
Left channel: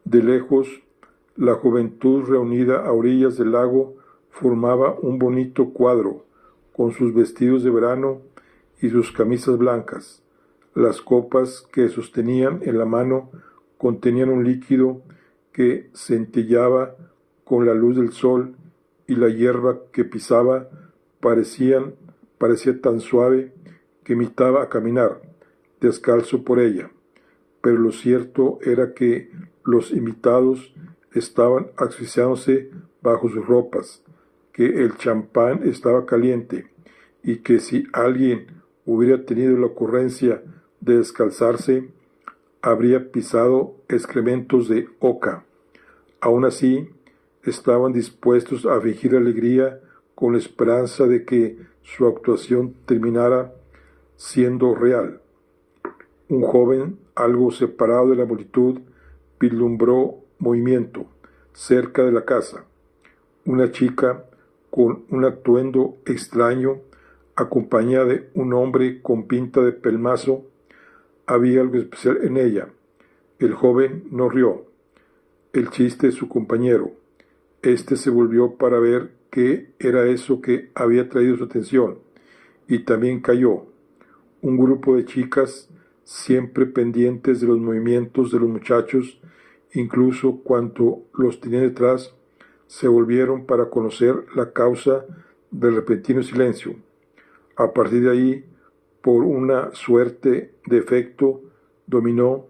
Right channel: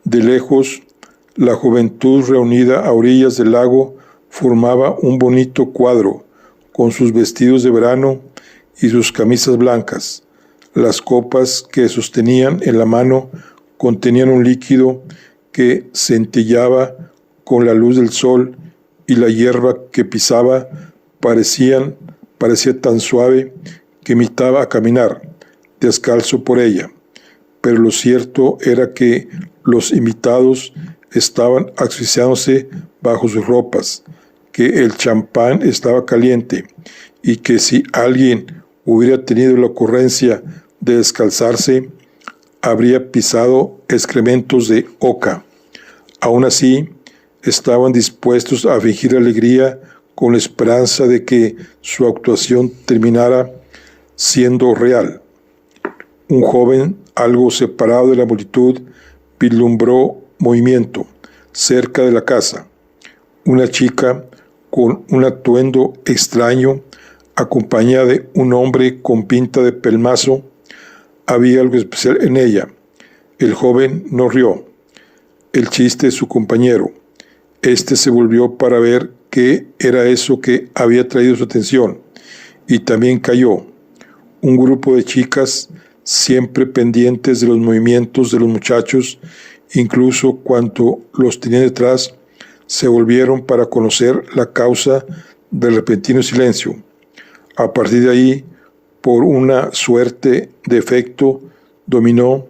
De lejos, la juventud reunida a orillas del lago formaba un bonito cuadro, con sus vestidos de verano y sus camisas blancas. Las copas que sostenían en la mano contenían un líquido que centellaba con la luz del sol, y la hierba que pisaba parecían parecía tan suave que imitaba a caminar, descalzo por ella. Pero lo cierto era que los invitados estaban asfixiándose bajo sus ropas, que el champán estaba caliente y que si alguien hubiera tenido la ocurrencia de descalzarse, habría pisado excrementos de oca. Aún así, estaban dispuestos a fingir alegría con la esperanza de que su actuación terminara siendo real. Un joven, algo separado de la multitud, vislumbró movimiento cerca de la casa. Una chica con un atuendo extraño, acompañada de un hombre con pinta de pelmazo. Había algo especial en ella. El joven no rió. El chiste de su compañero. Este se volvió para ver qué era eso que había traído su atención, y también cayó. Un grupo de chicas, siempre pendientes de los movimientos de los muchachos, incluso cuando los tenían detrás, se volvieron para conocer la causa del repentino silencio. A partir de ahí, por una suerte de efecto dominó,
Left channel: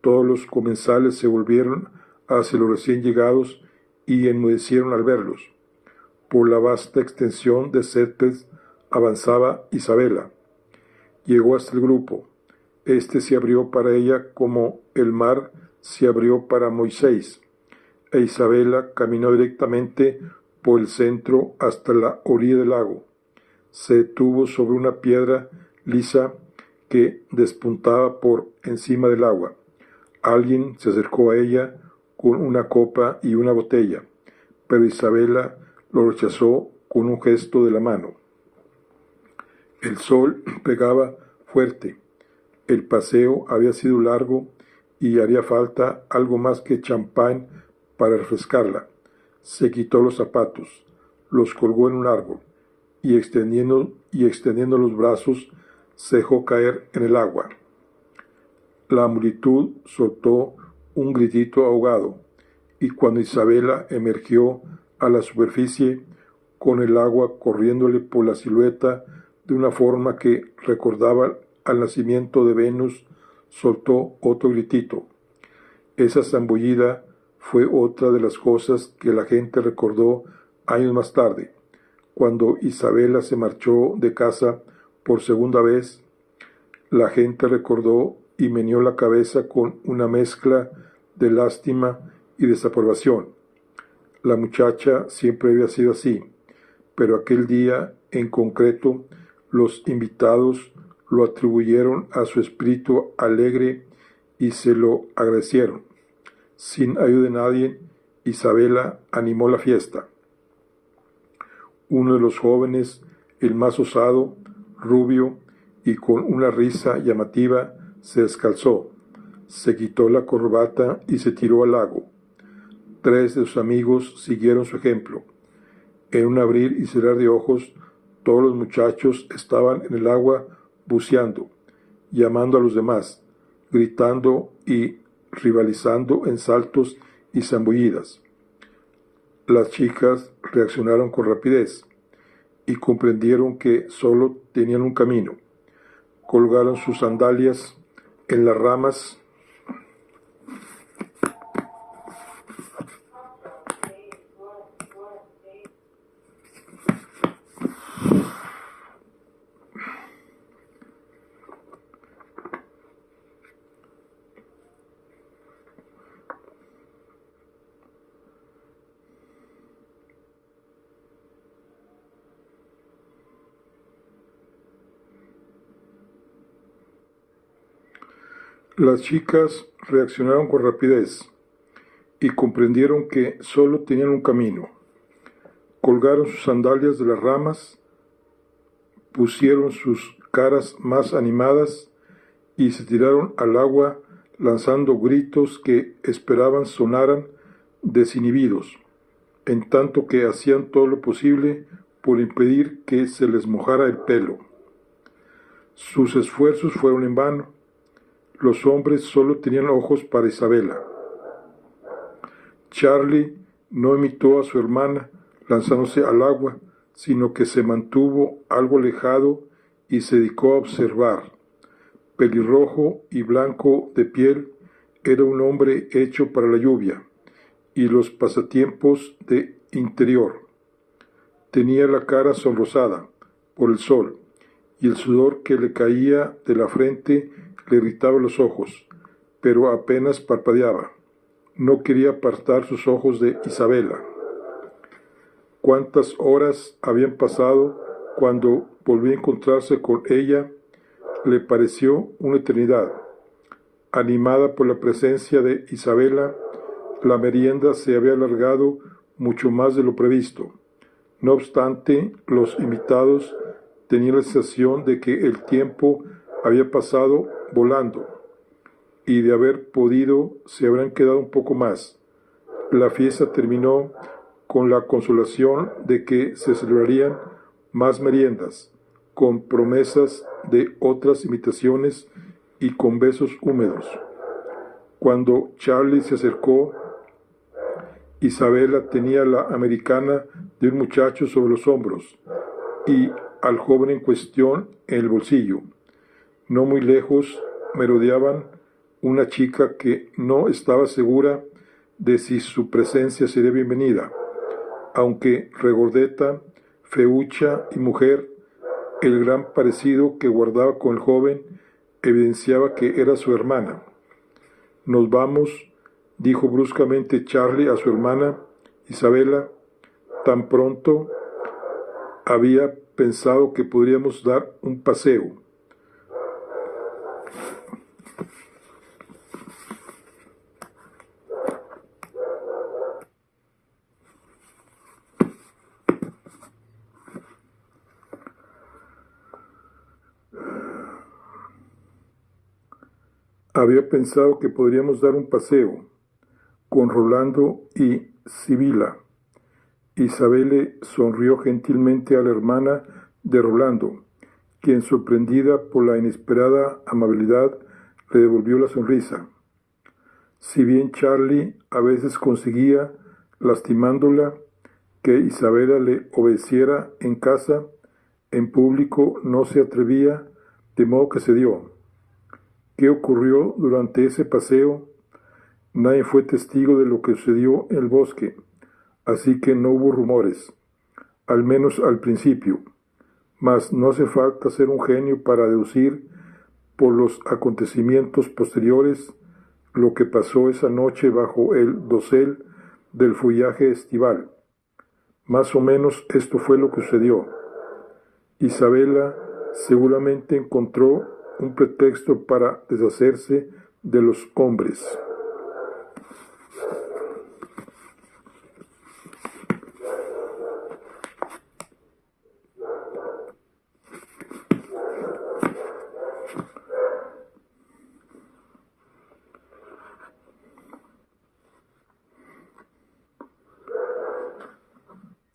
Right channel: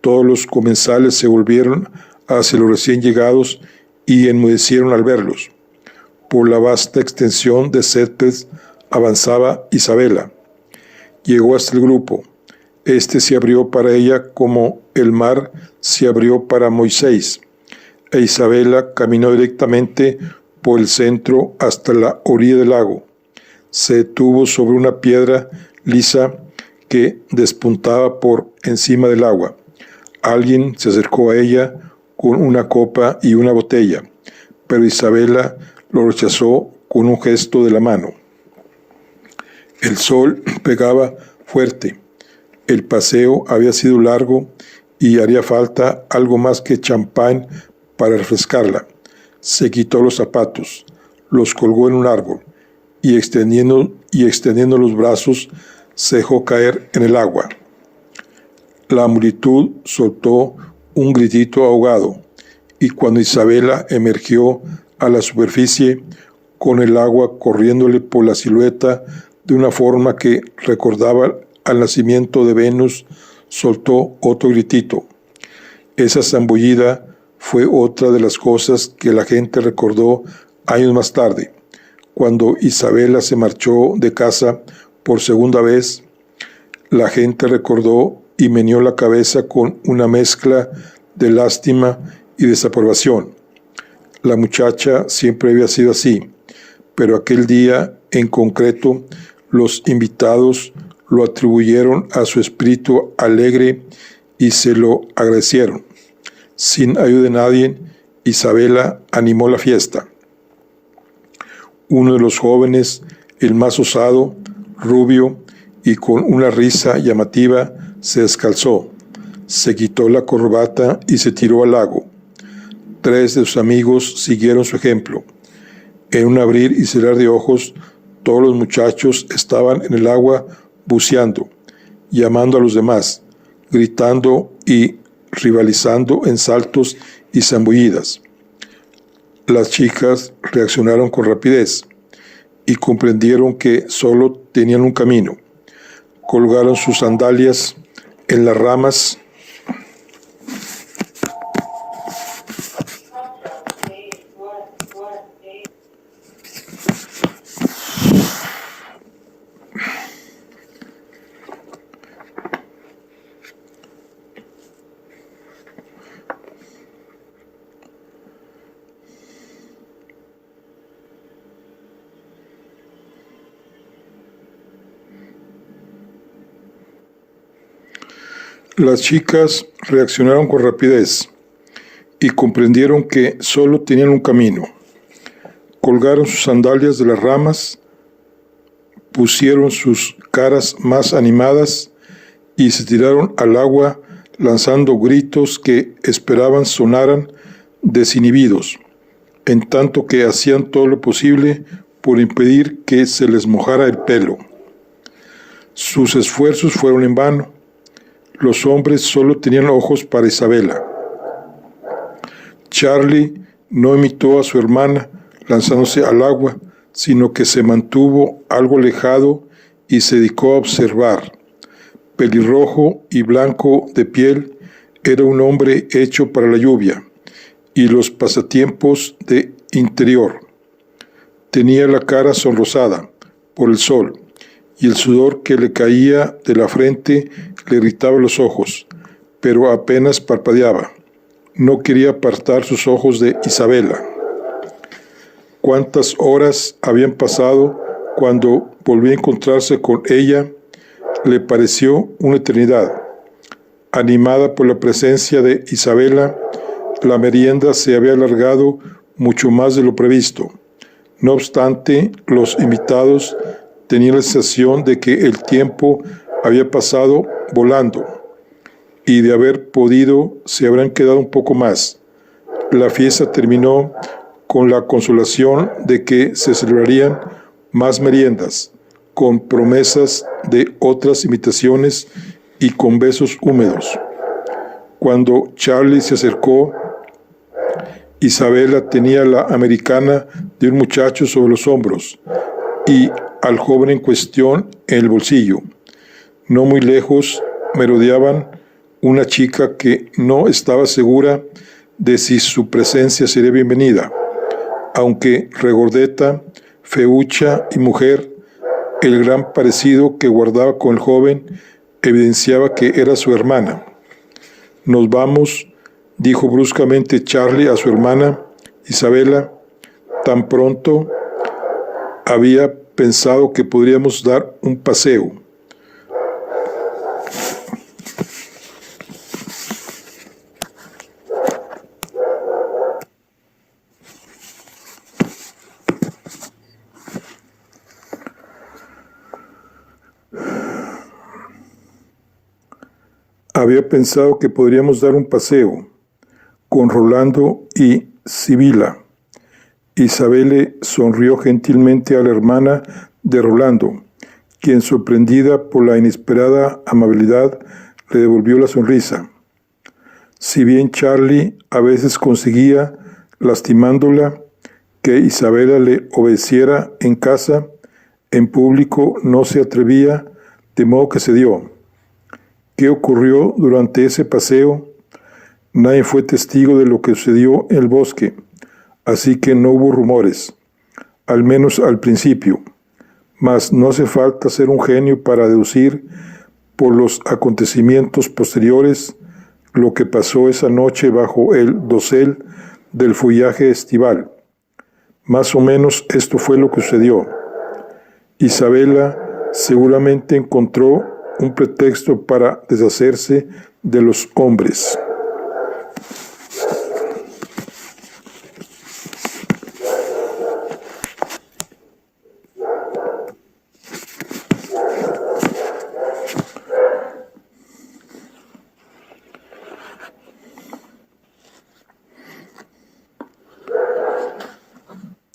todos los comensales se volvieron hacia los recién llegados y enmudecieron al verlos. Por la vasta extensión de césped avanzaba Isabela. Llegó hasta el grupo. Este se abrió para ella como el mar se abrió para Moisés, e Isabela caminó directamente por el centro hasta la orilla del lago. Se detuvo sobre una piedra lisa que despuntaba por encima del agua. Alguien se acercó a ella con una copa y una botella, pero Isabela lo rechazó con un gesto de la mano. El sol pegaba fuerte. El paseo había sido largo y haría falta algo más que champán para refrescarla. Se quitó los zapatos, los colgó en un árbol y extendiendo los brazos se dejó caer en el agua. La multitud soltó un gritito ahogado y cuando Isabela emergió a la superficie con el agua corriéndole por la silueta de una forma que recordaba al nacimiento de Venus, soltó otro gritito. Esa zambullida fue otra de las cosas que la gente recordó años más tarde, cuando Isabela se marchó de casa por segunda vez. La gente recordó y meneó la cabeza con una mezcla de lástima y desaprobación. La muchacha siempre había sido así, pero aquel día en concreto los invitados lo atribuyeron a su espíritu alegre y se lo agradecieron. Sin ayuda de nadie, Isabela animó la fiesta. Uno de los jóvenes, el más osado, rubio y con una risa llamativa, se descalzó, se quitó la corbata y se tiró al lago. 3 de sus amigos siguieron su ejemplo. En un abrir y cerrar de ojos, todos los muchachos estaban en el agua buceando, llamando a los demás, gritando y rivalizando en saltos y zambullidas. Las chicas reaccionaron con rapidez y comprendieron que solo tenían un camino. Colgaron sus sandalias en las ramas Las chicas reaccionaron con rapidez y comprendieron que solo tenían un camino. Colgaron sus sandalias de las ramas, pusieron sus caras más animadas y se tiraron al agua lanzando gritos que esperaban sonaran desinhibidos, en tanto que hacían todo lo posible por impedir que se les mojara el pelo. Sus esfuerzos fueron en vano. Los hombres solo tenían ojos para Isabela. Charlie no imitó a su hermana lanzándose al agua, sino que se mantuvo algo alejado y se dedicó a observar. Pelirrojo y blanco de piel, era un hombre hecho para la lluvia y los pasatiempos de interior. Tenía la cara sonrosada por el sol, y el sudor que le caía de la frente le irritaba los ojos, pero apenas parpadeaba. No quería apartar sus ojos de Isabela. Cuántas horas habían pasado cuando volvió a encontrarse con ella, le pareció una eternidad. Animada por la presencia de Isabela, la merienda se había alargado mucho más de lo previsto. No obstante, los invitados tenían la sensación de que el tiempo había pasado volando, y de haber podido se habrán quedado un poco más. La fiesta terminó con la consolación de que se celebrarían más meriendas, con promesas de otras invitaciones y con besos húmedos. Cuando Charlie se acercó, Isabela tenía la americana de un muchacho sobre los hombros y al joven en cuestión en el bolsillo. No muy lejos merodeaban una chica que no estaba segura de si su presencia sería bienvenida. Aunque regordeta, feucha y mujer, el gran parecido que guardaba con el joven evidenciaba que era su hermana. «Nos vamos», dijo bruscamente Charlie a su hermana, Isabela. «Tan pronto había pensado que podríamos dar un paseo». Había pensado que podríamos dar un paseo con Rolando y Sibila. Isabela sonrió gentilmente a la hermana de Rolando, quien, sorprendida por la inesperada amabilidad, le devolvió la sonrisa. Si bien Charlie a veces conseguía, lastimándola, que Isabela le obedeciera en casa, en público no se atrevía, de modo que cedió. ¿Qué ocurrió durante ese paseo? Nadie fue testigo de lo que sucedió en el bosque, así que no hubo rumores, al menos al principio. Mas no hace falta ser un genio para deducir por los acontecimientos posteriores lo que pasó esa noche bajo el dosel del follaje estival. Más o menos esto fue lo que sucedió. Isabela seguramente encontró un pretexto para deshacerse de los hombres.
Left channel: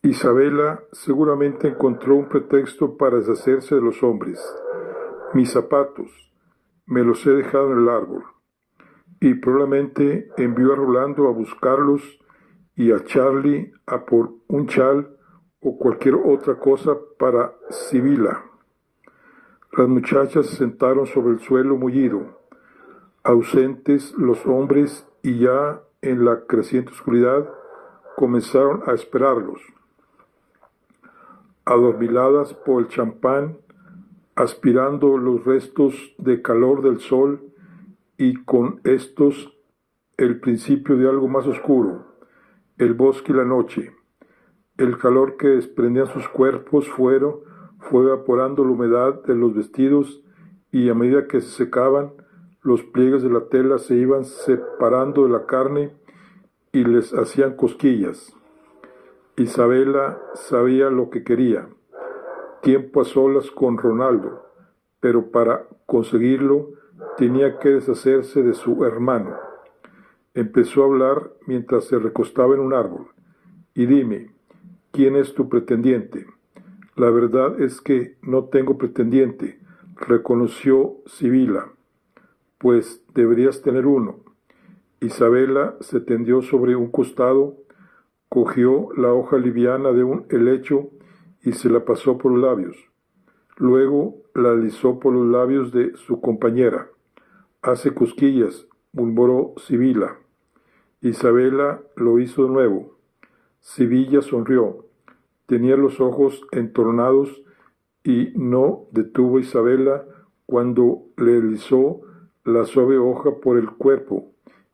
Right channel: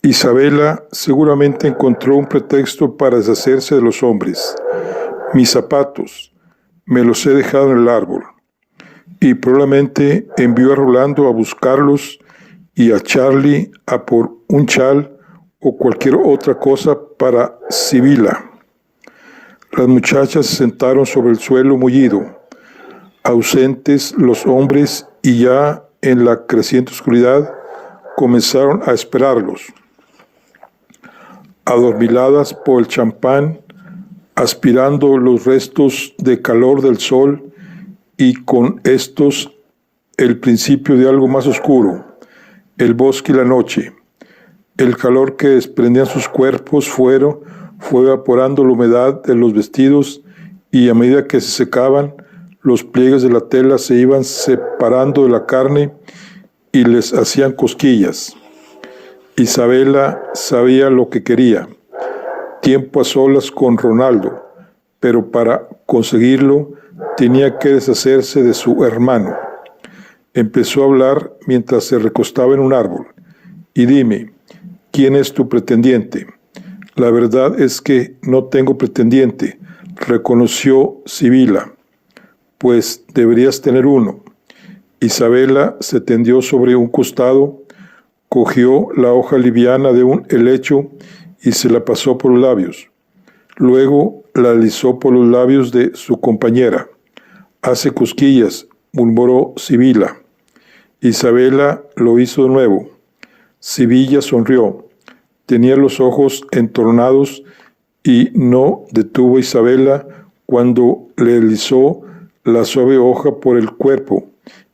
Isabela seguramente encontró un pretexto para deshacerse de los hombres. «Mis zapatos, me los he dejado en el árbol», y probablemente envió a Rolando a buscarlos y a Charlie a por un chal o cualquier otra cosa para Sibila. Las muchachas se sentaron sobre el suelo mullido, ausentes los hombres, y ya en la creciente oscuridad comenzaron a esperarlos. Adormiladas por el champán, aspirando los restos de calor del sol y con estos el principio de algo más oscuro, el bosque y la noche. El calor que desprendían sus cuerpos fue evaporando la humedad de los vestidos, y a medida que se secaban, los pliegues de la tela se iban separando de la carne y les hacían cosquillas. Isabela sabía lo que quería: tiempo a solas con Rolando, pero para conseguirlo tenía que deshacerse de su hermano. Empezó a hablar mientras se recostaba en un árbol. «Y dime, ¿quién es tu pretendiente?» «La verdad es que no tengo pretendiente», reconoció Sibila. «Pues deberías tener uno». Isabela se tendió sobre un costado, cogió la hoja liviana de un helecho y se la pasó por los labios. Luego la deslizó por los labios de su compañera. «Hace cosquillas», murmuró Sibila. Isabela lo hizo de nuevo. Sibila sonrió. Tenía los ojos entornados y no detuvo a Isabela cuando le deslizó la suave hoja por el cuerpo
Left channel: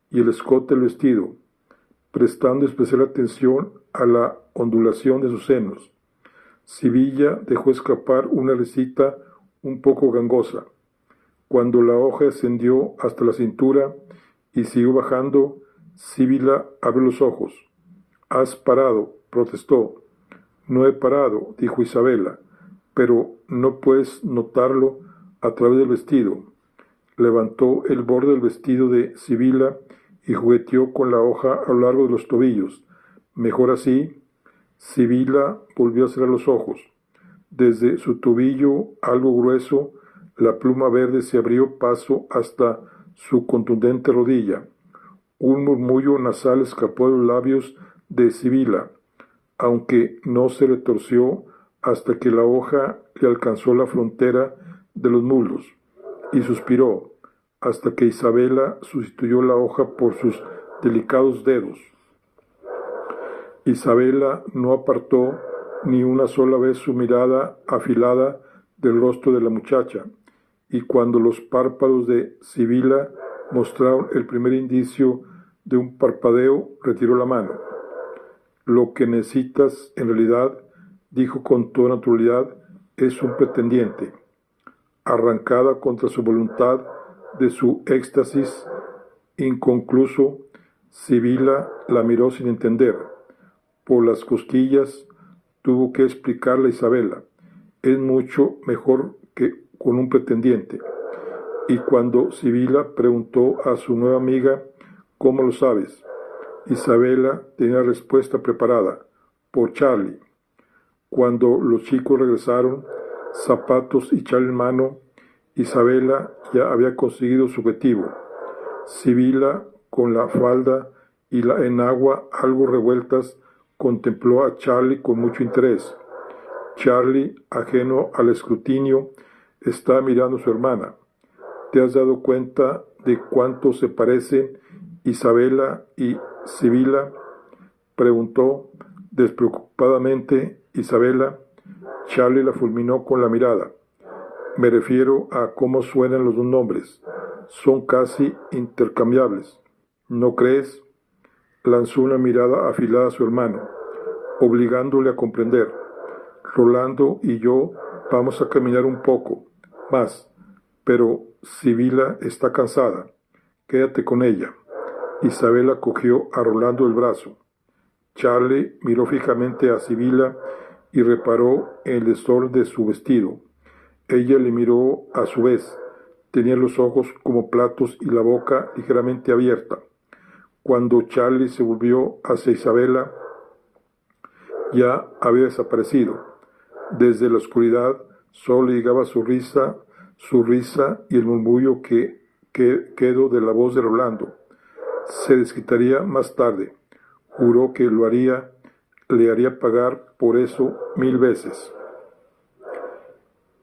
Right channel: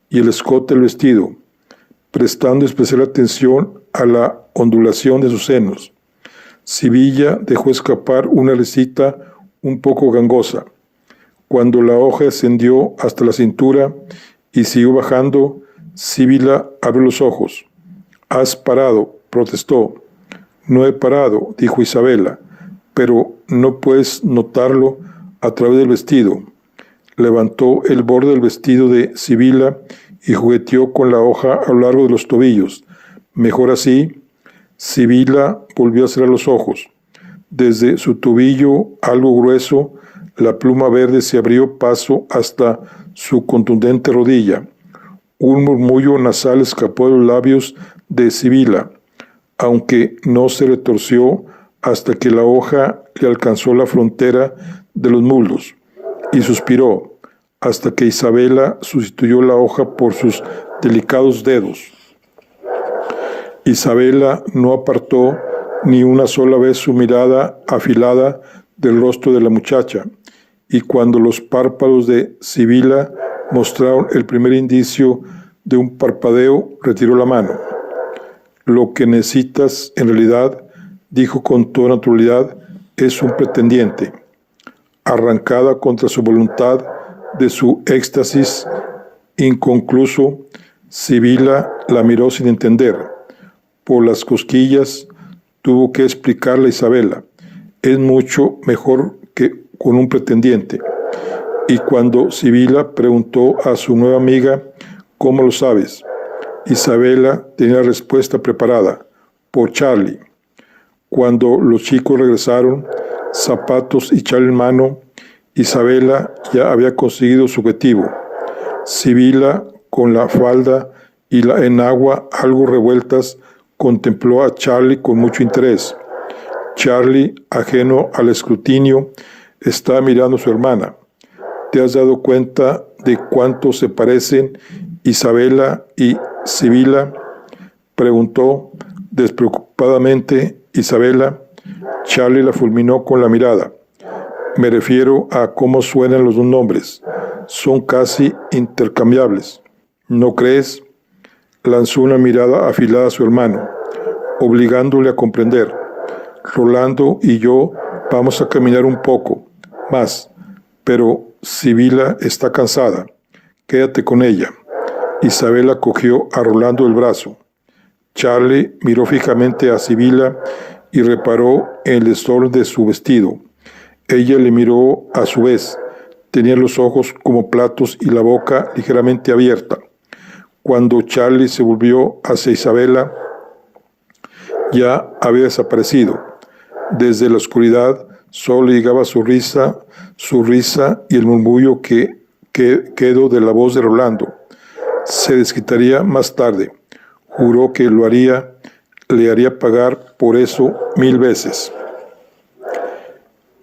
y el escote del vestido, prestando especial atención a la ondulación de sus senos. Sibila dejó escapar una risita un poco gangosa. Cuando la hoja descendió hasta la cintura y siguió bajando, Sibila abrió los ojos. «Has parado», protestó. «No he parado», dijo Isabela, «pero no puedes notarlo a través del vestido». Levantó el borde del vestido de Sibila y jugueteó con la hoja a lo largo de los tobillos. «Mejor así». Sibila volvió a cerrar los ojos. Desde su tobillo, algo grueso, la pluma verde se abrió paso hasta su contundente rodilla. Un murmullo nasal escapó de los labios de Sibila, aunque no se retorció hasta que la hoja le alcanzó la frontera de los muslos, y suspiró, hasta que Isabela sustituyó la hoja por sus delicados dedos. Isabela no apartó ni una sola vez su mirada afilada del rostro de la muchacha, y cuando los párpados de Sibila mostraron el primer indicio de un parpadeo, retiró la mano. «Lo que necesitas, en realidad», dijo con toda naturalidad, «es un pretendiente». Arrancada contra su voluntad de su éxtasis inconcluso, Sibila la miró sin entender. Por las cosquillas tuvo que explicarle a Isabela: «Es mucho mejor que con un pretendiente». Y cuando Sibila preguntó a su nueva amiga: «¿Cómo lo sabes?», Isabela tenía la respuesta preparada: «Por Charlie». Cuando los chicos regresaron, zapatos y chal en mano, Isabela ya había conseguido su objetivo. Sibila, con la falda y la enagua algo revueltas, contempló a Charlie con mucho interés. Charlie, ajeno al escrutinio, estaba mirando a su hermana. «¿Te has dado cuenta de cuánto se parecen Isabela y Sibila?», preguntó despreocupadamente Isabela. Charlie la fulminó con la mirada. «Me refiero a cómo suenan los dos nombres. Son casi intercambiables. ¿No crees?». Lanzó una mirada afilada a su hermano, obligándole a comprender. «Rolando y yo vamos a caminar un poco más, pero Sibila está cansada. Quédate con ella». Isabela cogió a Rolando el brazo. Charlie miró fijamente a Sibila y reparó en el desorden de su vestido. Ella le miró a su vez. Tenía los ojos como platos y la boca ligeramente abierta. Cuando Charlie se volvió hacia Isabela, ya había desaparecido. Desde la oscuridad solo llegaba su risa y el murmullo que quedó de la voz de Rolando. Se desquitaría más tarde. Juró que le haría pagar por eso 1000 veces.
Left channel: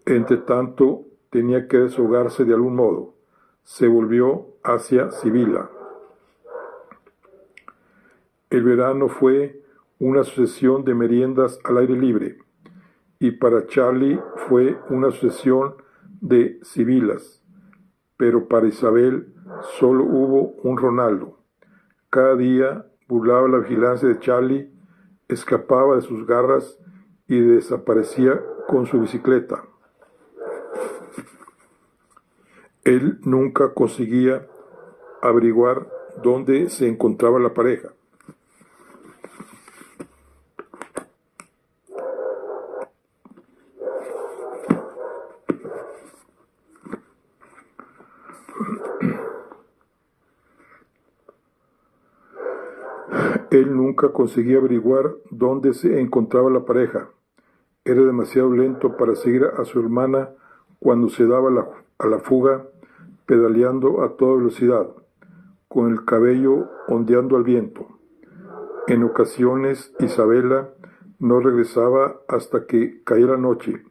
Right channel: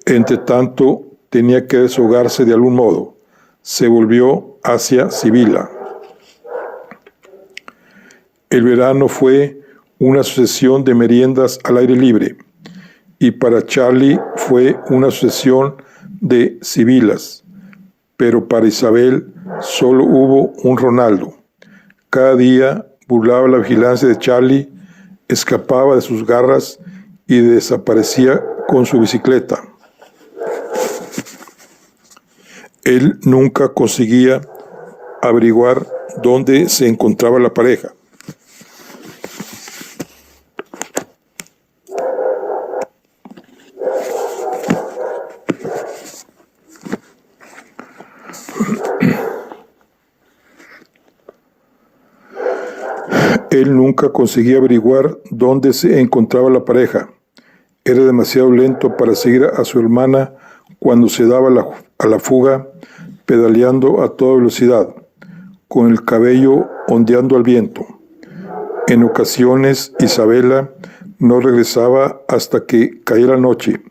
Entre tanto, tenía que deshogarse de algún modo. Se volvió hacia Sibila. El verano fue una sucesión de meriendas al aire libre, y para Charlie fue una sucesión de Sibilas, pero para Isabel solo hubo un Ronaldo. Cada día burlaba la vigilancia de Charlie, escapaba de sus garras y desaparecía con su bicicleta. Él nunca conseguía averiguar dónde se encontraba la pareja. Él nunca conseguía averiguar dónde se encontraba la pareja. Era demasiado lento para seguir a su hermana cuando se daba a la fuga, pedaleando a toda velocidad, con el cabello ondeando al viento. En ocasiones, Isabela No regresaba hasta que caía la noche,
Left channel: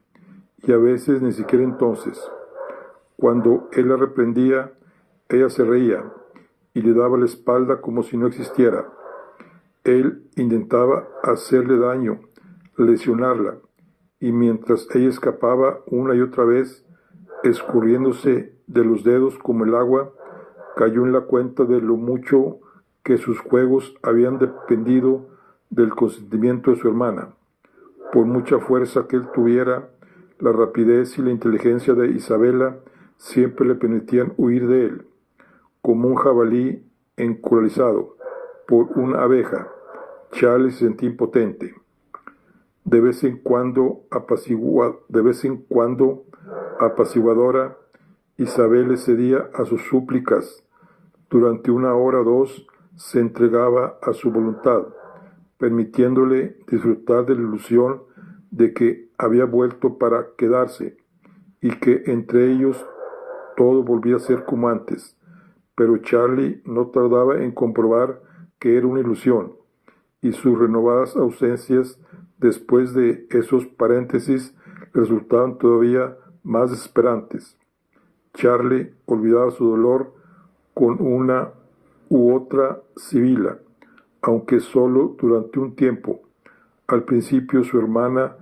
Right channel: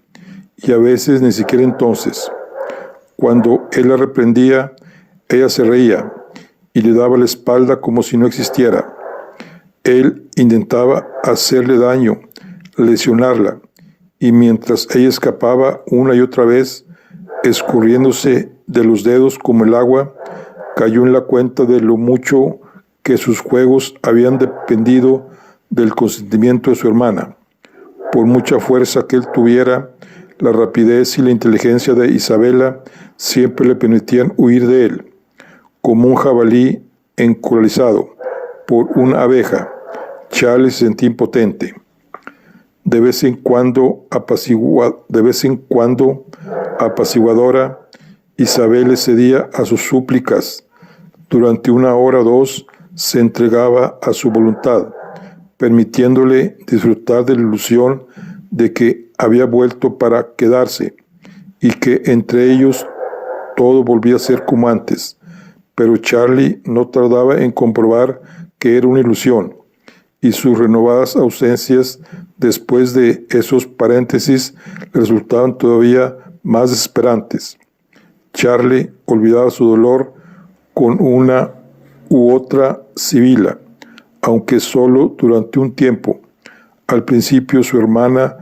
y a veces ni siquiera entonces. Cuando él la reprendía, ella se reía y le daba la espalda como si no existiera. Él intentaba hacerle daño, lesionarla, y mientras ella escapaba una y otra vez, escurriéndose de los dedos como el agua, cayó en la cuenta de lo mucho que sus juegos habían dependido del consentimiento de su hermana. Por mucha fuerza que él tuviera, la rapidez y la inteligencia de Isabela siempre le permitían huir de él, como un jabalí encoralizado por una abeja. Charlie se sentía impotente. De vez en cuando apaciguadora, Isabel le cedía a sus súplicas. Durante una hora o dos se entregaba a su voluntad, permitiéndole disfrutar de la ilusión de que había vuelto para quedarse y que entre ellos todo volvía a ser como antes. Pero Charlie no tardaba en comprobar que era una ilusión, y sus renovadas ausencias después de esos paréntesis resultaban todavía más desesperantes. Charlie olvidaba su dolor con una u otra sibila, aunque solo durante un tiempo. Al principio su hermana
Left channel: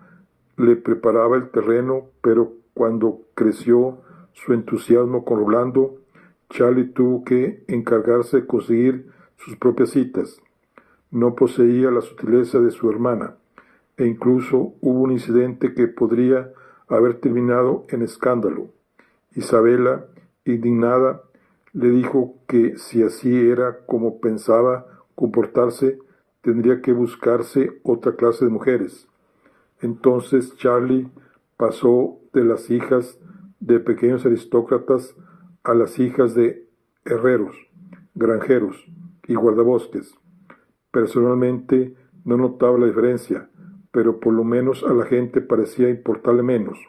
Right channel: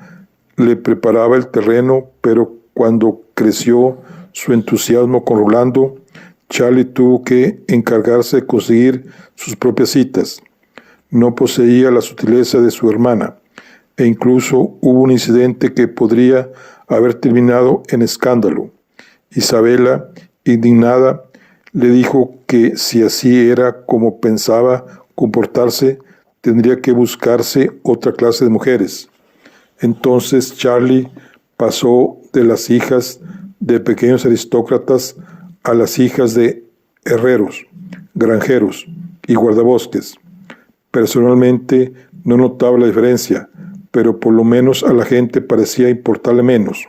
le preparaba el terreno, pero cuando creció su entusiasmo con Rolando, Charlie tuvo que encargarse de conseguir sus propias citas. No poseía la sutileza de su hermana, e incluso hubo un incidente que podría haber terminado en escándalo. Isabela, indignada, le dijo que si así era como pensaba comportarse, tendría que buscarse otra clase de mujeres. Entonces Charlie pasó de las hijas de pequeños aristócratas a las hijas de herreros, granjeros y guardabosques. Personalmente no notaba la diferencia, pero por lo menos a la gente parecía importarle menos.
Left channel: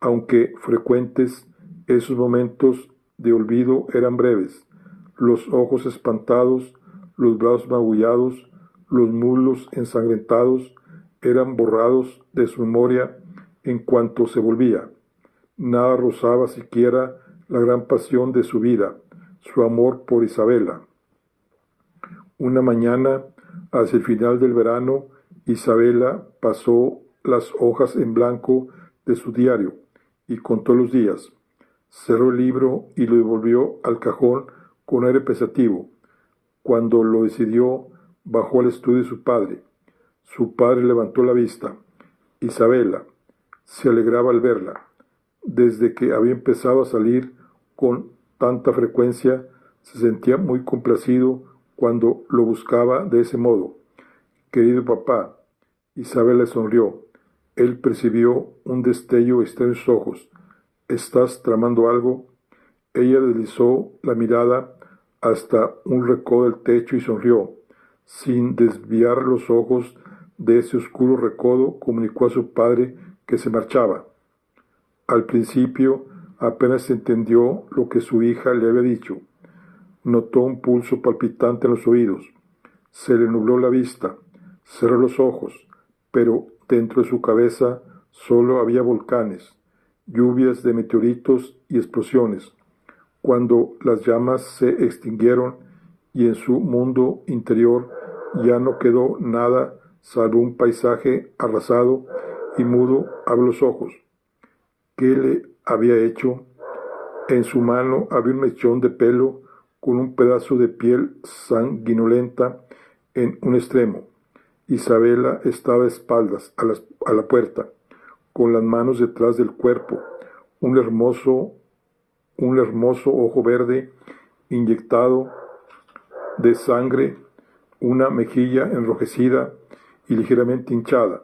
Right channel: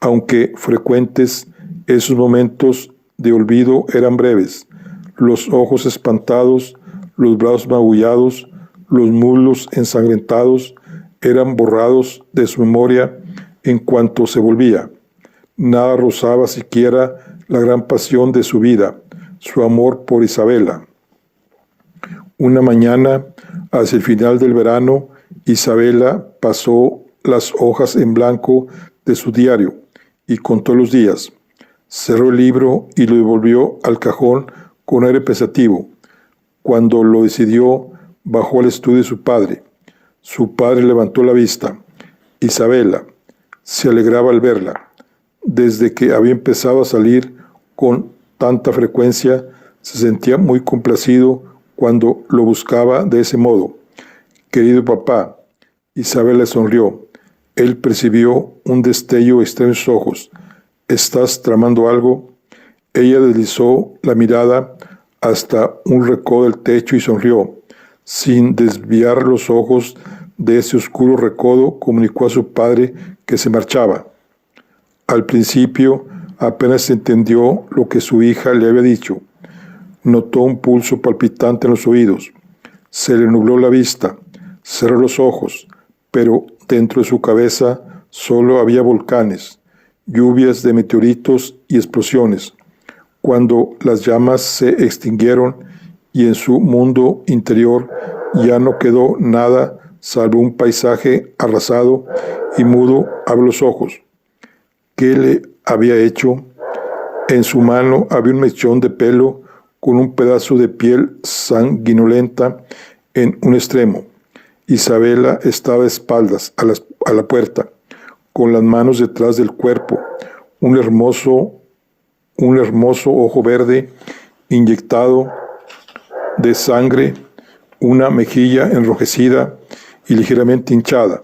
Aunque frecuentes, esos momentos de olvido eran breves. Los ojos espantados, los brazos magullados, los muslos ensangrentados eran borrados de su memoria en cuanto se volvía. Nada rozaba siquiera la gran pasión de su vida, su amor por Isabela. Una mañana, hacia el final del verano, Isabela pasó las hojas en blanco de su diario y contó los días. Cerró el libro y lo devolvió al cajón con aire pensativo. Cuando lo decidió, bajó al estudio de su padre. Su padre levantó la vista. Isabela se alegraba al verla. Desde que había empezado a salir con tanta frecuencia, se sentía muy complacido cuando lo buscaba de ese modo. Querido papá, Isabela sonrió. Él percibió un destello extraño en sus ojos. ¿Estás tramando algo? Ella deslizó la mirada hasta un recodo del techo y sonrió. Sin desviar los ojos de ese oscuro recodo, comunicó a su padre que se marchaba. Al principio apenas entendió lo que su hija le había dicho. Notó un pulso palpitante en los oídos. Se le nubló la vista. Cerró los ojos, pero dentro de su cabeza solo había volcanes, lluvias de meteoritos y explosiones. Cuando las llamas se extinguieron y en su mundo interior ya no quedó nada salvo un paisaje arrasado y mudo, abrió los ojos. ¿Qué le había hecho? En su mano había un mechón de pelo con un pedazo de piel sanguinolenta en un extremo. Isabela estaba de espaldas a la puerta, con las manos detrás del cuerpo, un hermoso ojo verde inyectado de sangre, una mejilla enrojecida y ligeramente hinchada.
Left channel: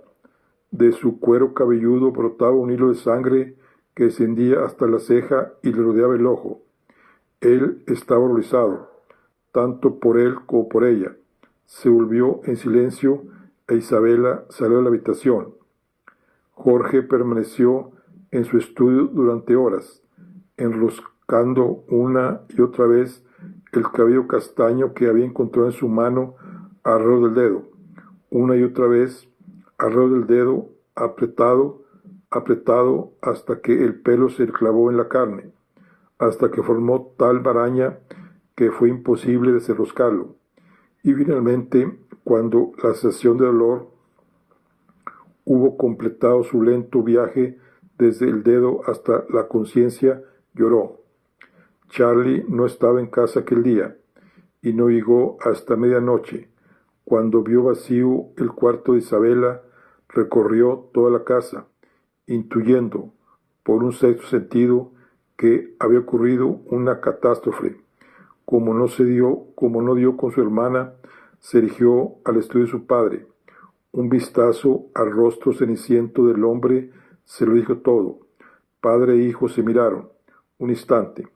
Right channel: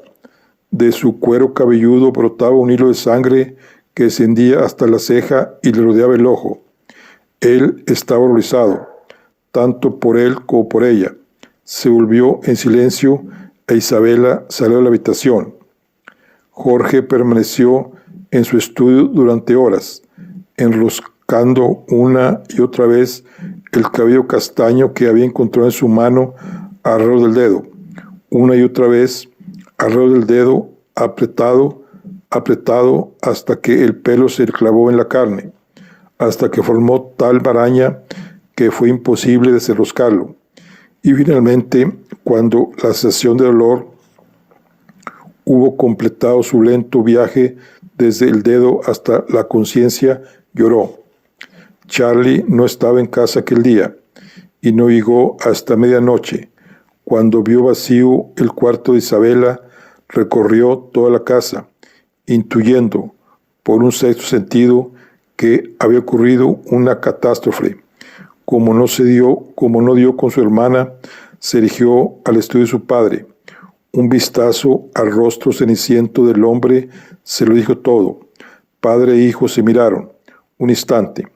De su cuero cabelludo brotaba un hilo de sangre que descendía hasta la ceja y le rodeaba el ojo. Él estaba horrorizado, tanto por él como por ella. Se volvió en silencio e Isabela salió de la habitación. Jorge permaneció en su estudio durante horas, enroscando una y otra vez el cabello castaño que había encontrado en su mano alrededor del dedo. Una y otra vez alrededor del dedo, apretado hasta que el pelo se clavó en la carne, hasta que formó tal maraña que fue imposible desenroscarlo. Y finalmente, cuando la sensación de dolor hubo completado su lento viaje desde el dedo hasta la conciencia, lloró. Charlie no estaba en casa aquel día y no llegó hasta medianoche. Cuando vio vacío el cuarto de Isabela, recorrió toda la casa, intuyendo, por un sexto sentido, que había ocurrido una catástrofe. Como no dio con su hermana, se dirigió al estudio de su padre. Un vistazo al rostro ceniciento del hombre se lo dijo todo. Padre e hijo se miraron un instante,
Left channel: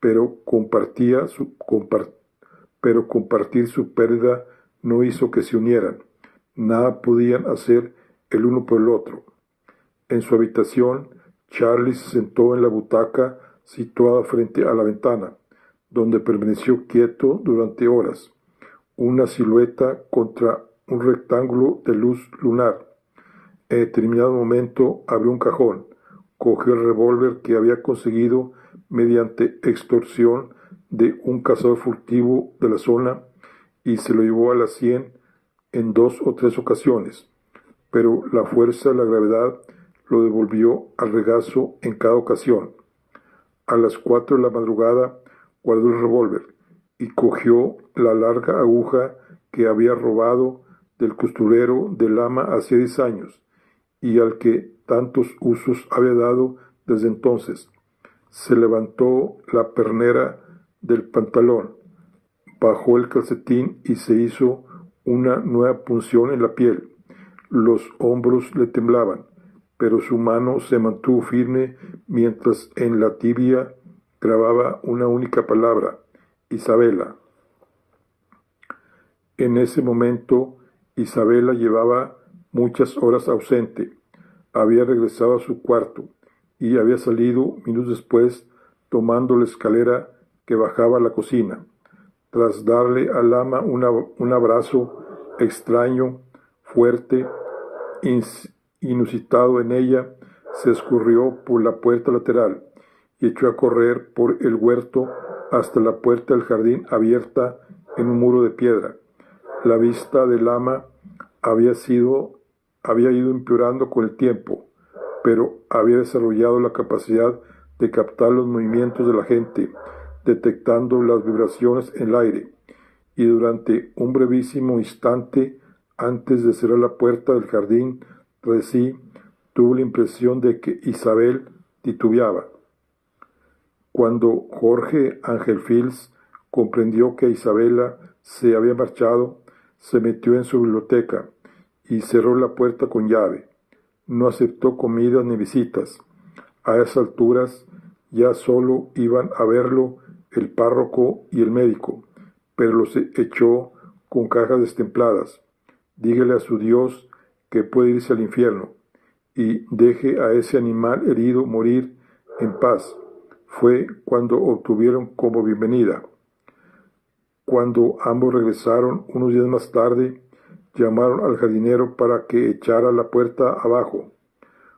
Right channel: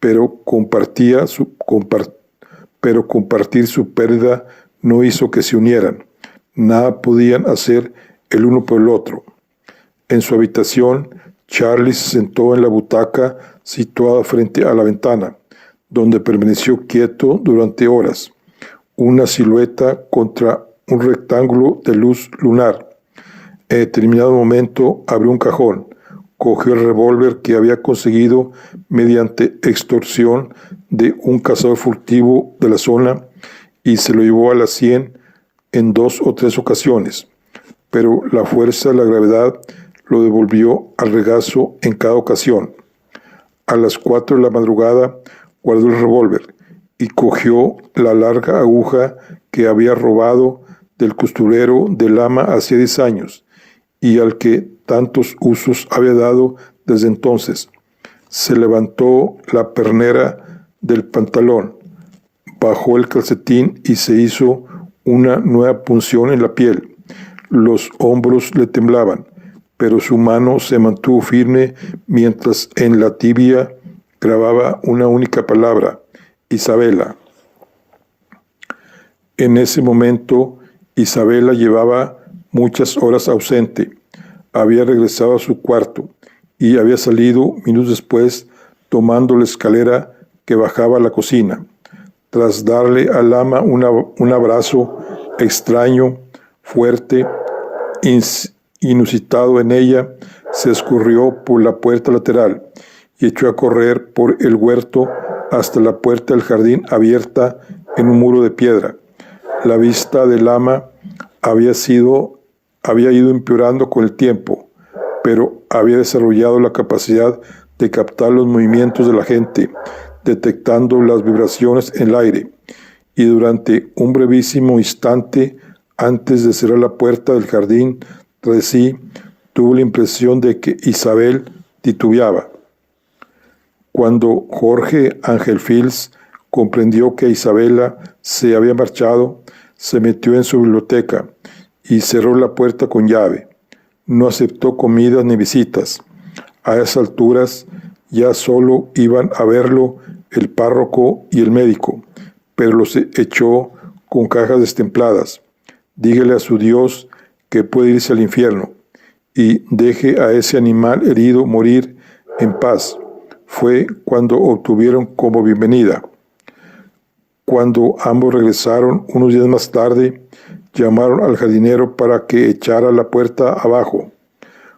pero compartir su pérdida no hizo que se unieran. Nada podían hacer el uno por el otro. En su habitación, Charlie se sentó en la butaca situada frente a la ventana, donde permaneció quieto durante horas, una silueta contra un rectángulo de luz lunar. En determinado momento abrió un cajón, cogió el revólver que había conseguido mediante extorsión de un cazador furtivo de la zona y se lo llevó a la sien en 2 o 3 ocasiones, pero la fuerza de la gravedad lo devolvió al regazo en cada ocasión. A las 4 de la madrugada guardó el revólver y cogió la larga aguja que había robado del costurero del ama hacía 10 años y al que tantos usos había dado desde entonces. Se levantó la pernera del pantalón, bajó el calcetín y se hizo una nueva punción en la piel. Los hombros le temblaban, pero su mano se mantuvo firme mientras en la tibia grababa una única palabra: Isabela. En ese momento, Isabela llevaba muchas horas ausente. Había regresado a su cuarto y había salido minutos después tomando la escalera que bajaba a la cocina. Tras darle al ama un abrazo extraño, fuerte, inusitado en ella, se escurrió por la puerta lateral y echó a correr por el huerto hasta la puerta del jardín abierta en un muro de piedra. La vista del ama había ido empeorando con el tiempo, pero había desarrollado la capacidad de captar los movimientos de la gente, detectando las vibraciones en el aire, y durante un brevísimo instante, antes de cerrar la puerta del jardín tras sí, tuvo la impresión de que Isabel titubeaba. Cuando Jorge Ángel Fils comprendió que Isabela se había marchado, se metió en su biblioteca y cerró la puerta con llave. No aceptó comidas ni visitas. A esas alturas ya solo iban a verlo el párroco y el médico, pero los echó con cajas destempladas. Dígale a su Dios que puede irse al infierno y deje a ese animal herido morir en paz. Fue cuando obtuvieron como bienvenida. Cuando ambos regresaron unos días más tarde, llamaron al jardinero para que echara la puerta abajo.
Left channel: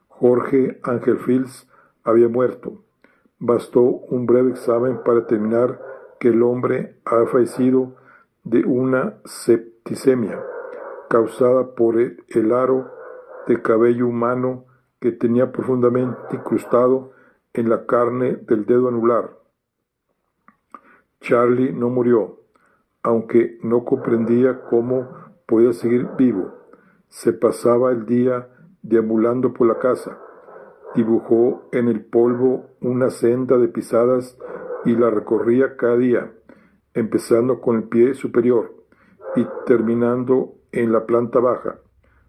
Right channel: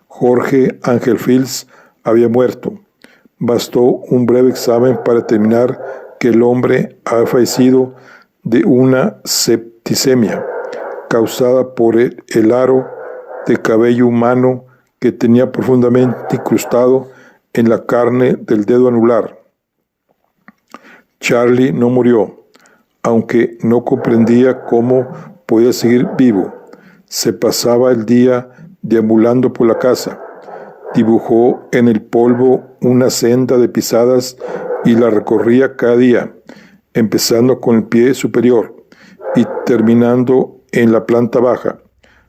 Jorge Ángel Fils había muerto. Bastó un breve examen para determinar que el hombre había fallecido de una septicemia causada por el aro de cabello humano que tenía profundamente incrustado en la carne del dedo anular. Charlie no murió, aunque no comprendía cómo podía seguir vivo. Se pasaba el día deambulando por la casa. Dibujó en el polvo una senda de pisadas y la recorría cada día, empezando con el pie superior y terminando en la planta baja.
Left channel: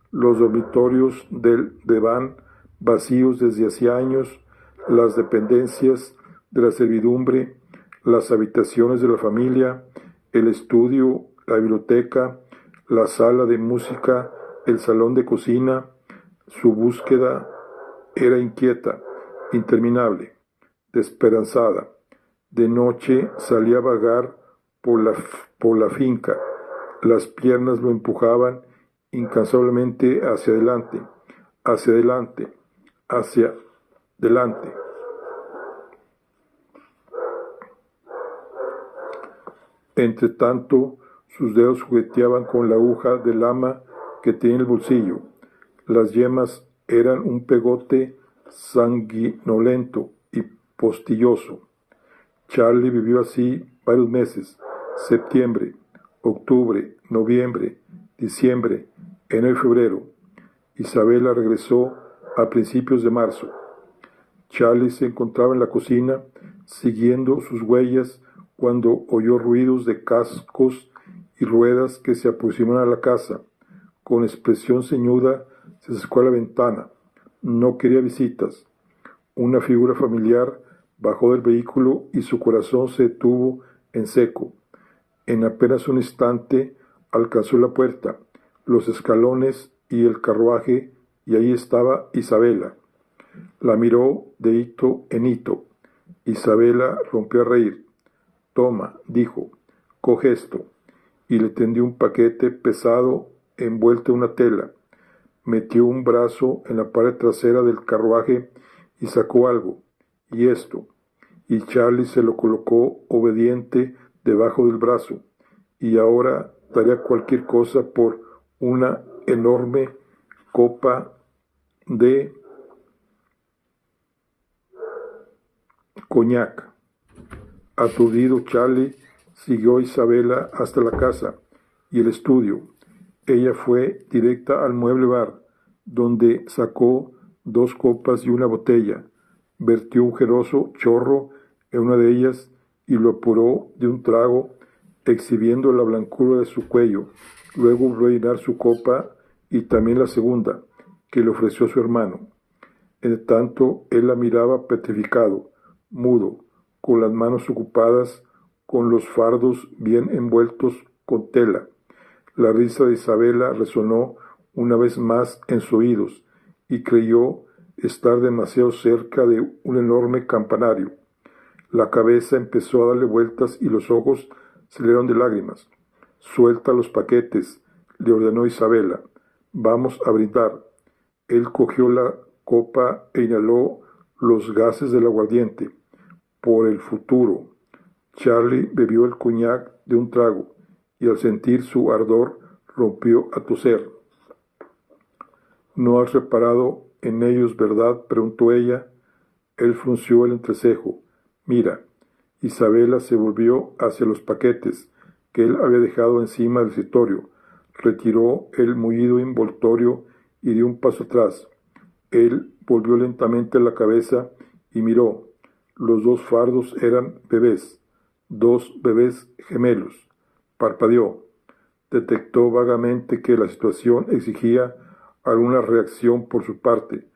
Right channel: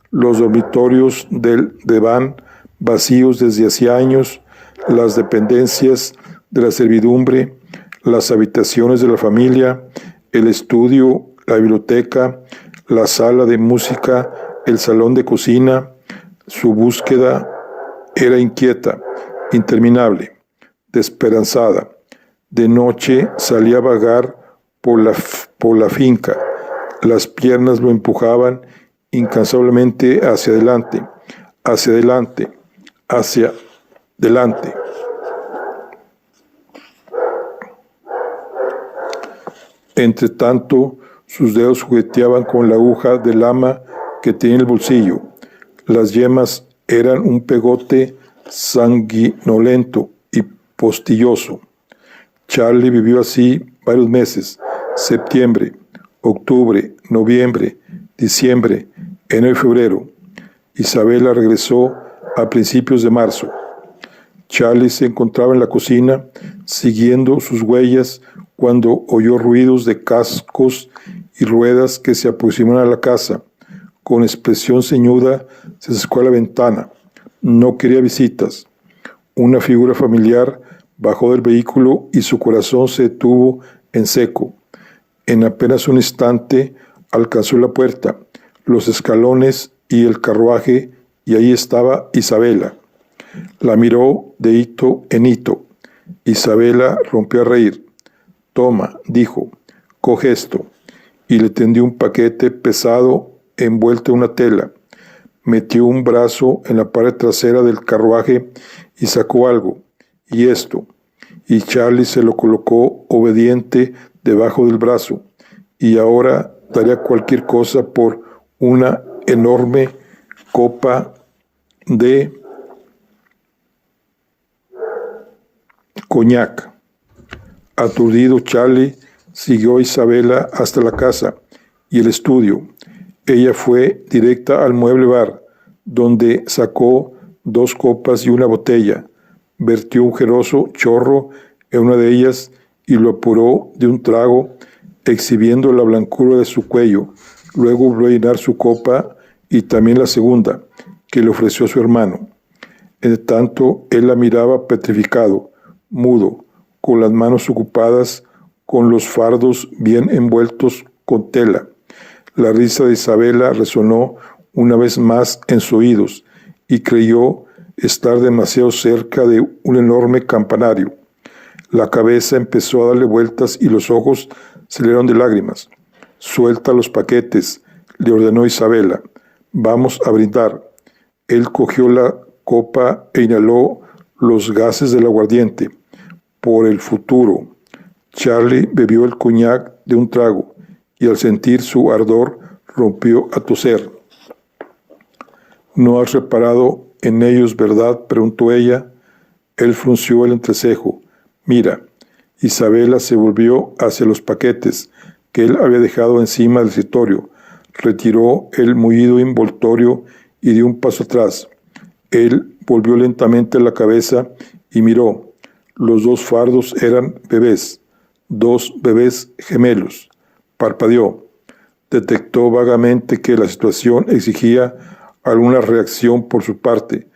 Los dormitorios del desván vacíos desde hacía años, las dependencias de la servidumbre, las habitaciones de la familia, el estudio, la biblioteca, la sala de música, el salón de cocina. Su búsqueda era inquieta, interminable, desesperanzada. De noche salía a vagar por la finca. Las piernas lo empujaban incansablemente hacia adelante, hacia adelante, hacia adelante. Entre tanto, sus dedos jugueteaban con la aguja de lama que tenía en el bolsillo. Las yemas eran un pegote sanguinolento y postilloso. Charlie vivió así varios meses: septiembre, octubre, noviembre, diciembre, enero y febrero. Isabela regresó a principios de marzo. Charlie se encontraba en la cocina siguiendo sus huellas cuando oyó ruidos de cascos y ruedas que se aproximaban a la casa. Con expresión ceñuda se acercó a la ventana. No quería visitas. Una figura familiar bajó del vehículo y su corazón se detuvo en seco. En apenas un instante alcanzó la puerta, los escalones y el carruaje, y ahí estaba Isabela. La miró de hito en hito. Isabela rompió a reír. «Toma», dijo, «coge esto», y le tendió un paquete pesado envuelto en una tela. Metió un brazo en la pared trasera del carruaje y sacó algo. «¿Y esto?», y Charlie se lo colocó obediente debajo del brazo. «Y ahora daría cualquier cosa por una enorme copa de coñac». Aturdido, Charlie siguió a Isabela hasta la casa y el estudio. Ella fue directa al mueble bar, donde sacó 2 copas y una botella. Vertió un generoso chorro en una de ellas y lo apuró de un trago, exhibiendo la blancura de su cuello. Luego volvió a llenar su copa y también la segunda, que le ofreció a su hermano. En tanto, él la miraba petrificado, mudo, con las manos ocupadas con los fardos bien envueltos con tela. La risa de Isabela resonó una vez más en sus oídos y creyó estar demasiado cerca de un enorme campanario. La cabeza empezó a darle vueltas y los ojos se le llenaron de lágrimas. «Suelta los paquetes», le ordenó Isabela. «Vamos a brindar». Él cogió la copa e inhaló los gases del aguardiente. «Por el futuro». Charlie bebió el coñac de un trago y al sentir su ardor rompió a toser. «¿No has reparado en ellos, verdad?», preguntó ella. Él frunció el entrecejo. «Mira». Isabela se volvió hacia los paquetes que él había dejado encima del escritorio. Retiró el mullido envoltorio y dio un paso atrás. Él volvió lentamente la cabeza y miró. Los 2 fardos eran bebés, 2 bebés gemelos. Parpadeó. Detectó vagamente que la situación exigía alguna reacción por su parte,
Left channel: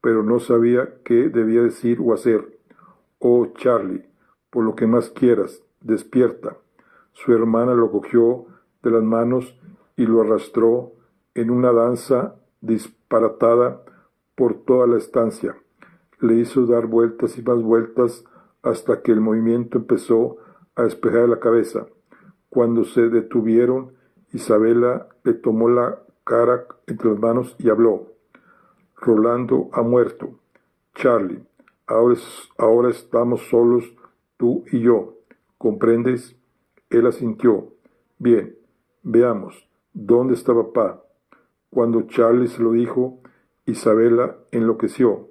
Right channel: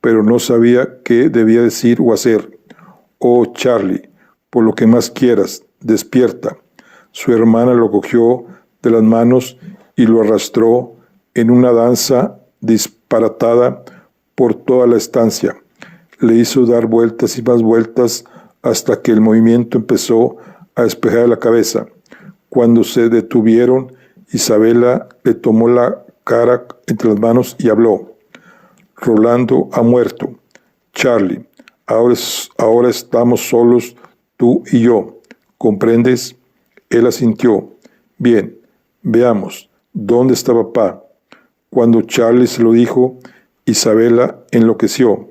pero no sabía qué debía decir o hacer. «Oh, Charlie, por lo que más quieras, despierta». Su hermana lo cogió de las manos y lo arrastró en una danza disparatada por toda la estancia. Le hizo dar vueltas y más vueltas hasta que el movimiento empezó a despejar la cabeza. Cuando se detuvieron, Isabela le tomó la cara entre las manos y habló. «Rolando ha muerto. Charlie, ahora estamos solos tú y yo. ¿Comprendes?». Él asintió. «Bien, veamos, ¿dónde está papá?». Cuando Charlie se lo dijo, Isabela enloqueció.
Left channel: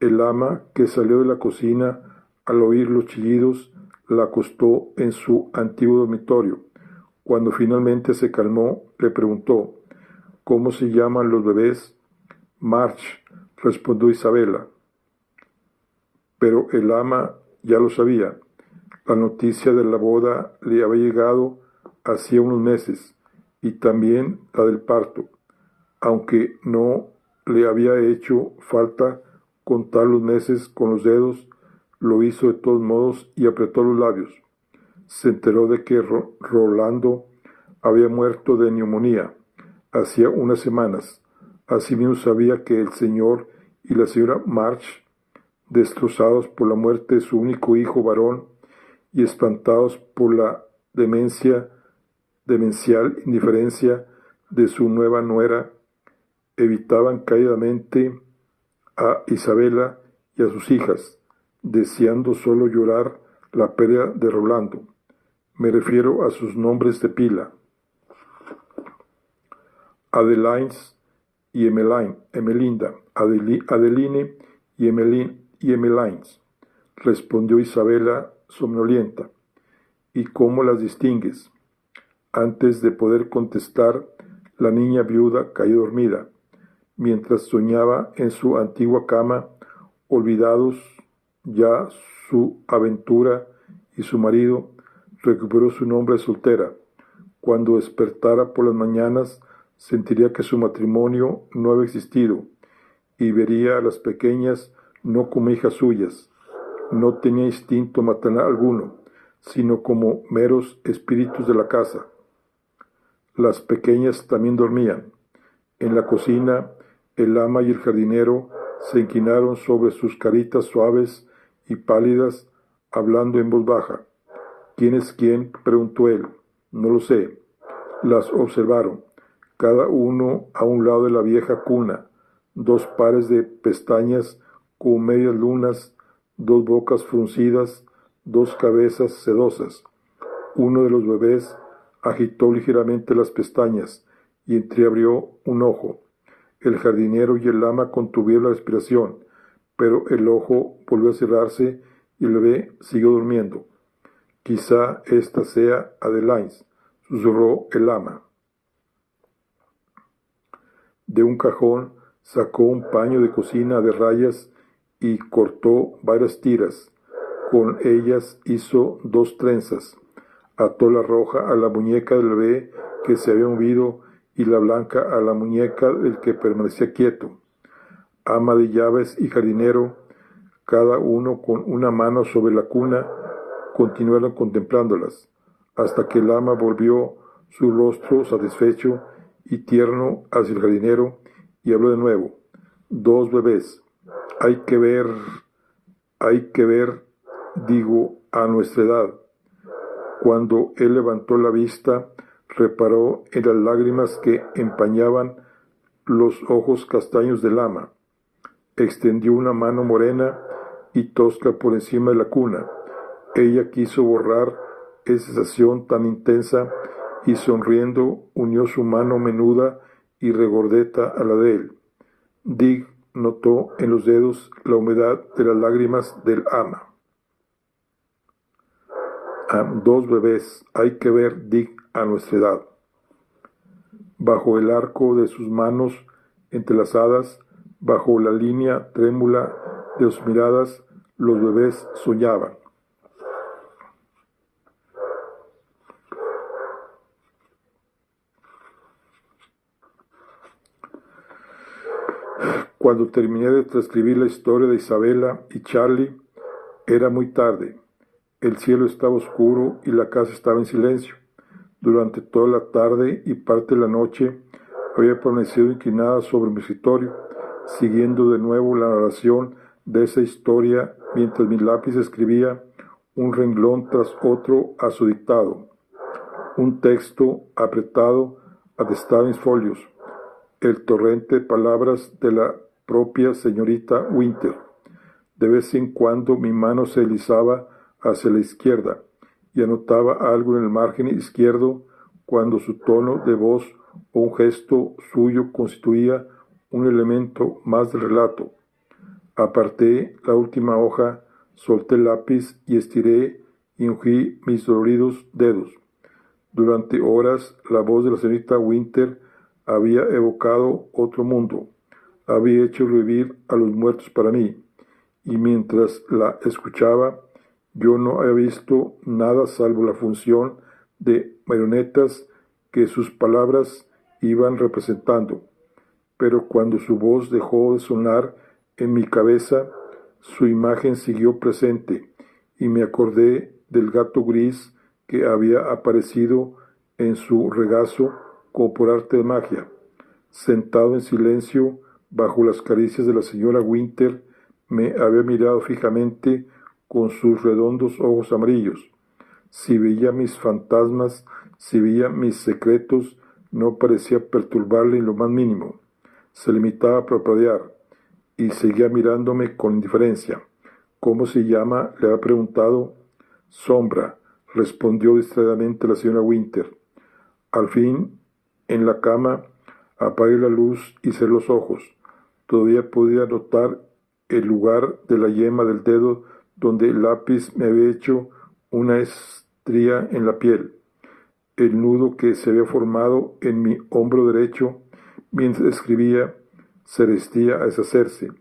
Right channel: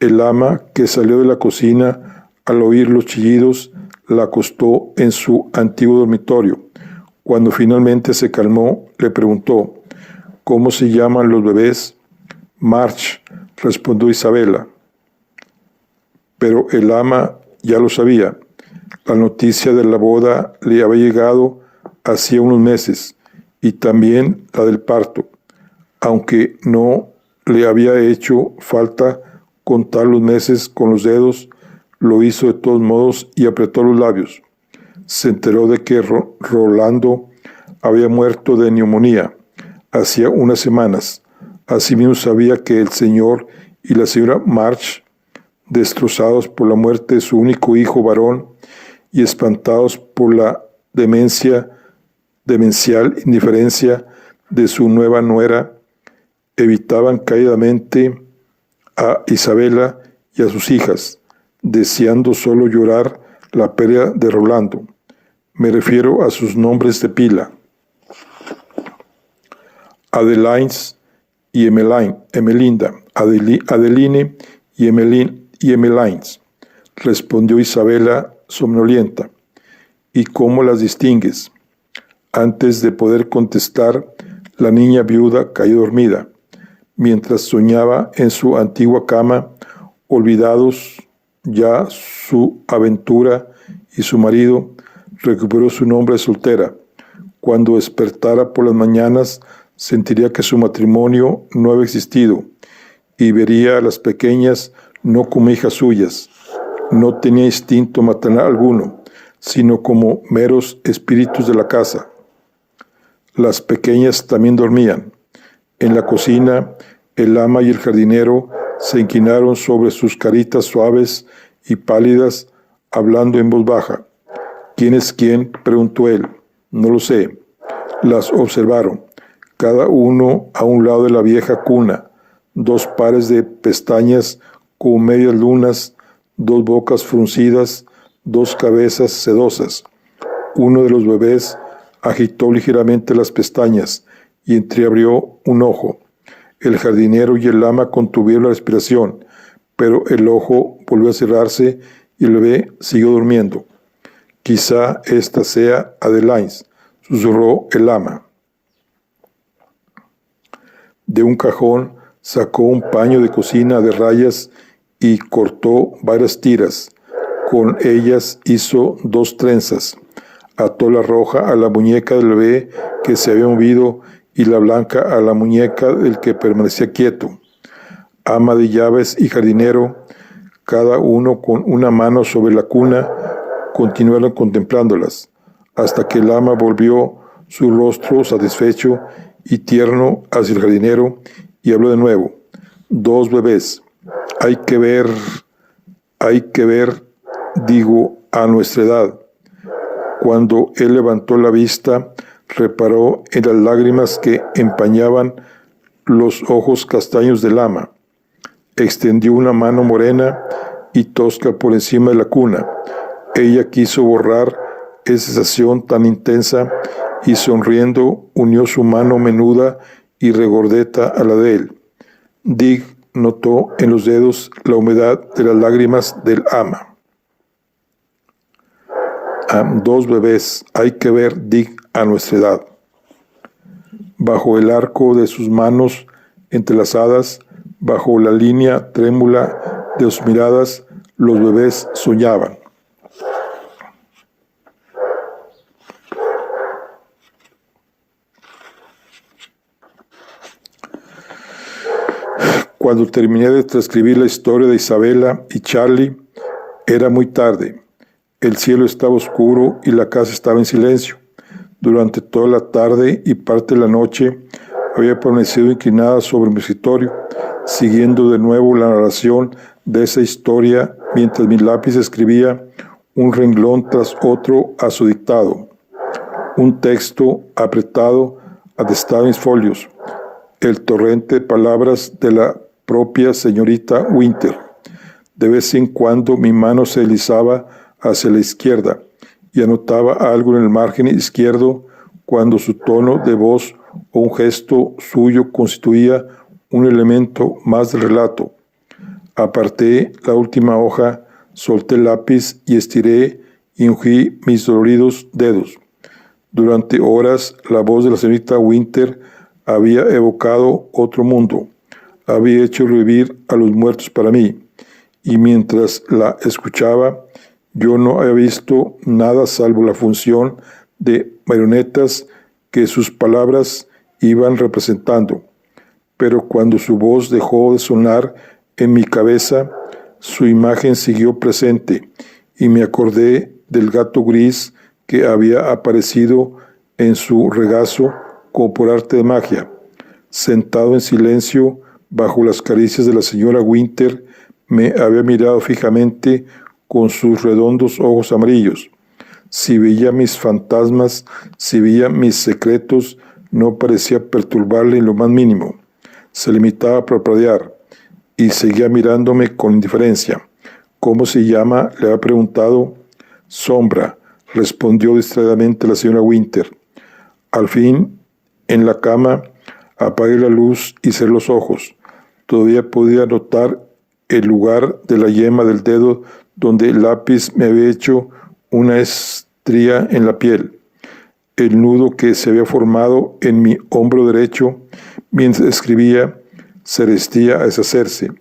El ama, que salió de la cocina al oír los chillidos, la acostó en su antiguo dormitorio. Cuando finalmente se calmó, le preguntó: «¿Cómo se llaman los bebés?». «March», respondió Isabela. Pero el ama ya lo sabía. La noticia de la boda le había llegado hacía unos meses, y también la del parto, aunque no le había hecho falta contar los meses con los dedos, lo hizo de todos modos y apretó los labios. Se enteró de que Rolando había muerto de neumonía hacía unas semanas. Asimismo sabía que el señor y la señora March, destrozados por la muerte de su único hijo varón y espantados por la demencial indiferencia de su nueva nuera evitaban caídamente a Isabela y a sus hijas, deseando solo llorar la pérdida de Rolando. Me refiero a sus nombres de pila: Adelines y Emelinda, Adeline y Emelines, respondió Isabela somnolienta. ¿Y cómo las distingues? Antes de poder contestar, la niña viuda cayó dormida, mientras soñaba en su antigua cama, olvidados ya su aventura y su marido, recuperó su nombre de soltera. Cuando despertara por las mañanas, sentiría que su matrimonio no había existido y vería a las pequeñas no como hijas suyas. No tenía instinto maternal alguno, sino como meros espíritus de la casa. Las pequeñas también dormían. En la cocina, el ama y el jardinero se inclinaron sobre sus caritas suaves y pálidas, hablando en voz baja. ¿Quién es quién?, preguntó él. No lo sé. Las observaron, cada uno a un lado de la vieja cuna, dos pares de pestañas como medias lunas, dos bocas fruncidas, dos cabezas sedosas. Uno de los bebés agitó ligeramente las pestañas y entreabrió un ojo. El jardinero y el ama contuvieron la respiración, pero el ojo volvió a cerrarse y el bebé siguió durmiendo. Quizá esta sea Adeline, susurró el ama. De un cajón sacó un paño de cocina de rayas y cortó varias tiras. Con ellas hizo 2 trenzas. Ató la roja a la muñeca del bebé que se había movido y la blanca a la muñeca del que permanecía quieto. Ama de llaves y jardinero, cada uno con una mano sobre la cuna, continuaron contemplándolas, hasta que el ama volvió su rostro satisfecho y tierno hacia el jardinero y habló de nuevo. 2 bebés. Hay que ver, digo, a nuestra edad. Cuando él levantó la vista, reparó en las lágrimas que empañaban los ojos castaños del ama. Extendió una mano morena y tosca por encima de la cuna. Ella quiso borrar esa sensación tan intensa y sonriendo unió su mano menuda y regordeta a la de él. Dig notó en los dedos la humedad de las lágrimas del ama. 2 bebés, hay que ver, Dig, a nuestra edad. Bajo el arco de sus manos entrelazadas, bajo la línea trémula de sus miradas, los bebés soñaban. Cuando terminé de transcribir la historia de Isabela y Charlie, era muy tarde. El cielo estaba oscuro y la casa estaba en silencio. Durante toda la tarde y parte de la noche había permanecido inclinada sobre mi escritorio, siguiendo de nuevo la narración de esa historia mientras mi lápiz escribía un renglón tras otro a su dictado. Un texto apretado atestaba mis folios, el torrente de palabras de la propia señorita Winter. De vez en cuando mi mano se deslizaba hacia la izquierda y anotaba algo en el margen izquierdo cuando su tono de voz o un gesto suyo constituía un elemento más del relato. Aparté la última hoja, solté el lápiz y estiré y ungí mis doloridos dedos. Durante horas la voz de la señorita Winter había evocado otro mundo, había hecho revivir a los muertos para mí, y mientras la escuchaba, yo no había visto nada salvo la función de marionetas que sus palabras iban representando. Pero cuando su voz dejó de sonar en mi cabeza, su imagen siguió presente y me acordé del gato gris que había aparecido en su regazo como por arte de magia. Sentado en silencio bajo las caricias de la señora Winter, me había mirado fijamente con sus redondos ojos amarillos. Si veía mis fantasmas, si veía mis secretos, no parecía perturbarle en lo más mínimo. Se limitaba a parpadear y seguía mirándome con indiferencia. ¿Cómo se llama?, le había preguntado. Sombra, respondió distraídamente la señora Winter. Al fin, en la cama, apagué la luz y cerré los ojos. Todavía podía notar el lugar de la yema del dedo donde el lápiz me había hecho una estría en la piel. El nudo que se había formado en mi hombro derecho mientras escribía se resistía a deshacerse.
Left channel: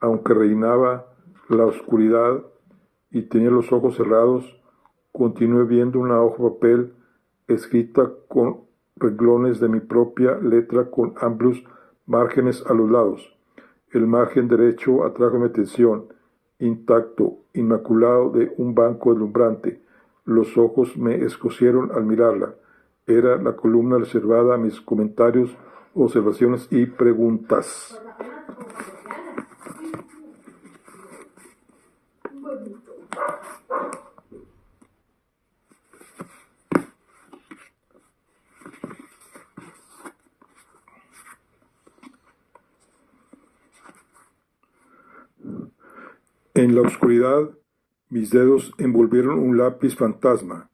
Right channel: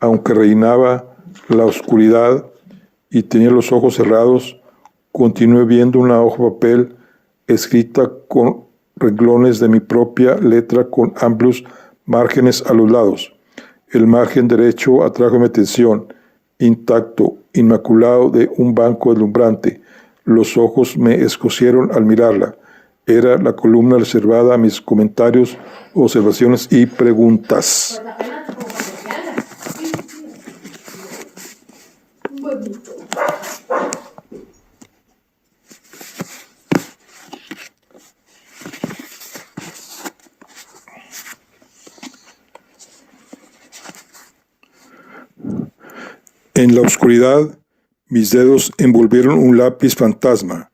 Aunque reinaba la oscuridad y tenía los ojos cerrados, continué viendo una hoja de papel escrita con renglones de mi propia letra con amplios márgenes a los lados. El margen derecho atrajo mi atención, intacto, inmaculado de un banco deslumbrante. Los ojos me escocieron al mirarla. Era la columna reservada a mis comentarios, observaciones y preguntas. En la oscuridad, mis dedos envolvieron un lápiz fantasma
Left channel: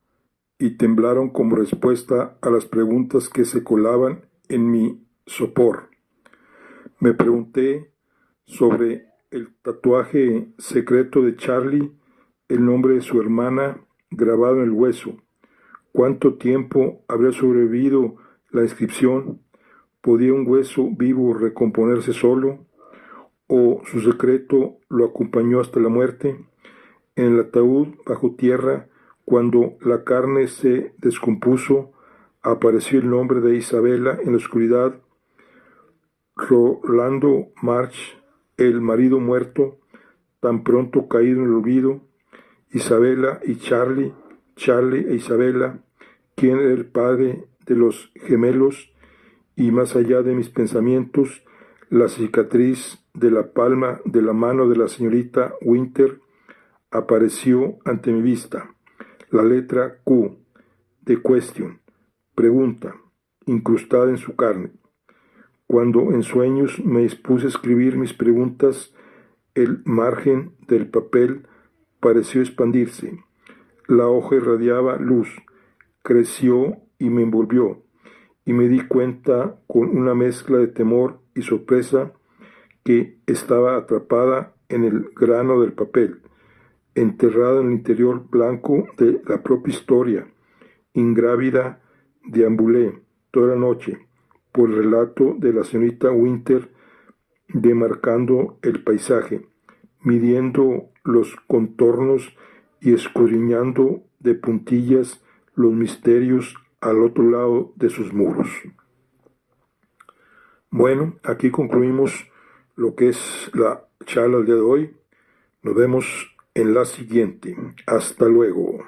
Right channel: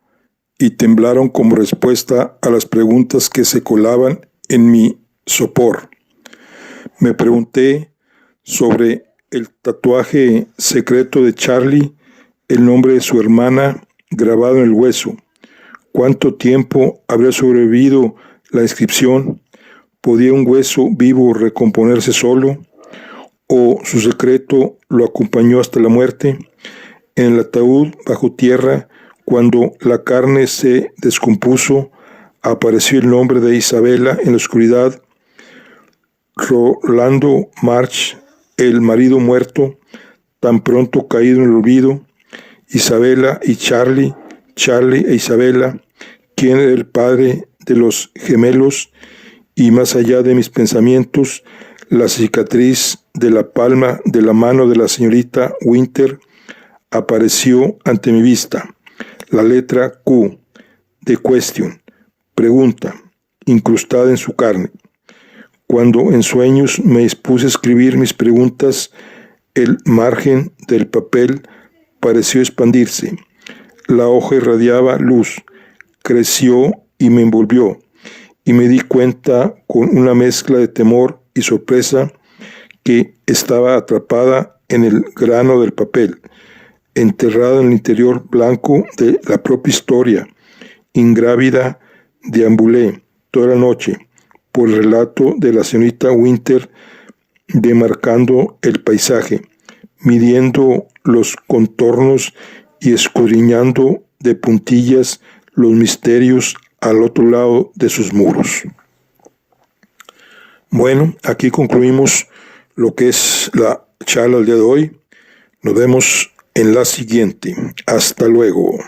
y temblaron como respuesta a las preguntas que se colaban en mi sopor. Me pregunté sobre el tatuaje secreto de Charlie, el nombre de su hermana grabado en el hueso. ¿Cuánto tiempo habría sobrevivido la inscripción? ¿Podía un hueso vivo recomponerse solo? ¿O su secreto lo acompañó hasta la muerte? En el ataúd bajo tierra, cuando la carne se descompuso, apareció el nombre de Isabela en la oscuridad. Rolando March, el marido muerto, tan pronto caído en el olvido. Isabela y Charlie, Charlie e Isabela, ¿quién era el padre de los gemelos? Y más allá de mis pensamientos, la cicatriz de la palma de la mano de la señorita Winter apareció ante mi vista. La letra Q, de question, pregunta, incrustada en su carne. Cuando en sueños me dispuse a escribir mis preguntas, el margen del papel pareció expandirse. La hoja irradiaba luz, creció y me envolvió, y me di cuenta con una mezcla de temor y sorpresa que estaba atrapada en el grano del papel, enterrada en el interior blanco de la propia historia. Ingrávida, deambulé toda la noche por el relato de la señorita Winter, demarcando el paisaje, midiendo los contornos y escudriñando de puntillas los misterios al otro lado de sus muros. Bueno, aquí concluimos lo que es la charla del día de hoy. Nos vemos en la siguiente. Hasta luego.